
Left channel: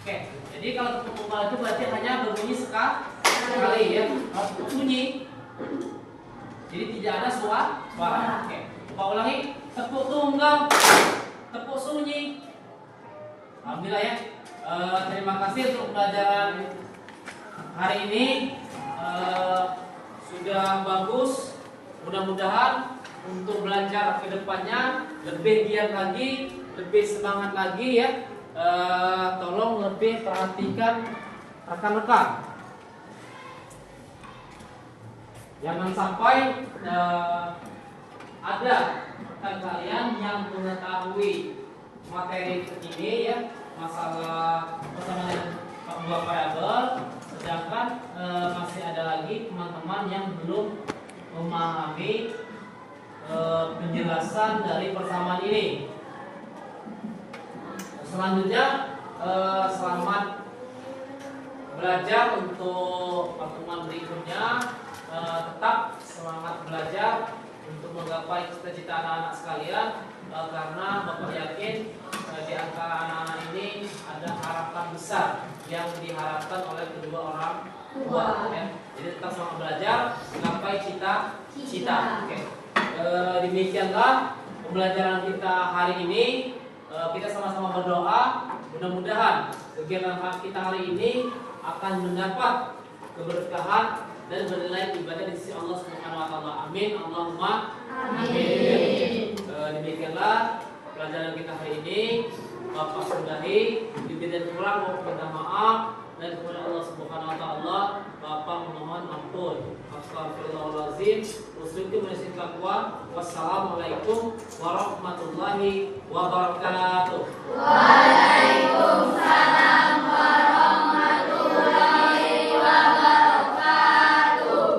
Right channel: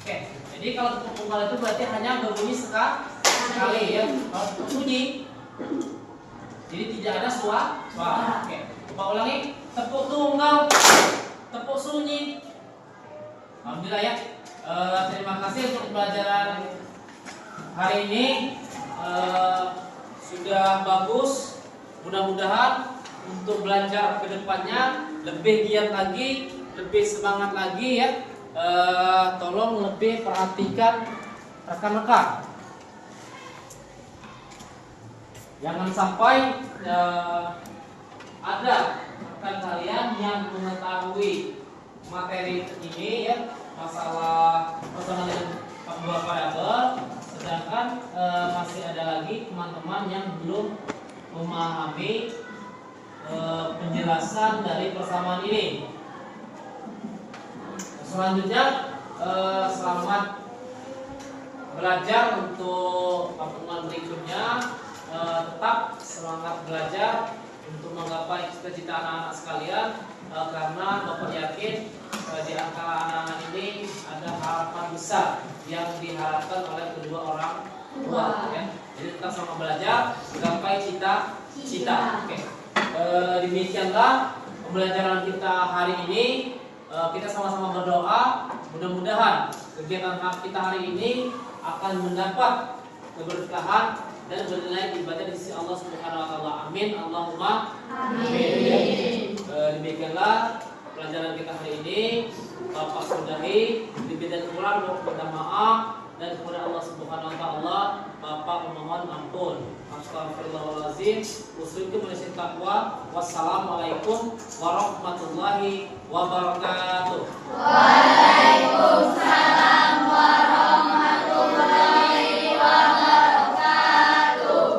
Oke. Jadi kalau tepuk tunggal itu berarti hanya berbunyi sekali, ya. Kalau tepuk sunyi, jadi tidak ada suara. Oke. Coba ulangi. Tepuk tunggal, tepuk sunyi. Alhamdulillah, ya. Terima kasih untuk pelajaran hari ini. Sudah bagus. Mudah-mudahan untuk belajar ke depannya lebih giat lagi, lebih semangat lagi, ya. Tolong lebih perhatikan rekan-rekan. Jangan sampai ada rekan kalian yang mengetahui materi ini, ya, masalah persamaan dua variabel, sedangkan masih ada lagi teman-teman yang belum memahami penjelasan dari persamaan ini. Selanjutnya, selamat belajar untuk pertemuan berikutnya. Tetap semangat belajar untuk menggapai cita-cita anak-anak sekalian, karena Bapak yakin di antara anak-anak ini ada harapan besar yang diharapkan oleh kedua orang tua, ya. Jadi tetap semangat belajar, menggapai cita-cita. Oke. Demikianlah pembelajaran kita hari ini. Kita sama-sama berdoa, mudah-mudahan kegiatan kita hari ini akan mendapat keberkahan dan bernilai ibadah di sisi Allah Subhanahu wa taala. Amin. Allahumma amin. Demikianlah pelajaran kita hari ini. Bapak sudahi, lebih dan kurang mohon maaf, dan kepada Allah Subhanahu wa taala Bapak memohon ampun. Astagfirullahalazim. Usikum bisin taqwa. Wassalamualaikum warahmatullahi wabarakatuh. Waalaikumsalam warahmatullahi wabarakatuh.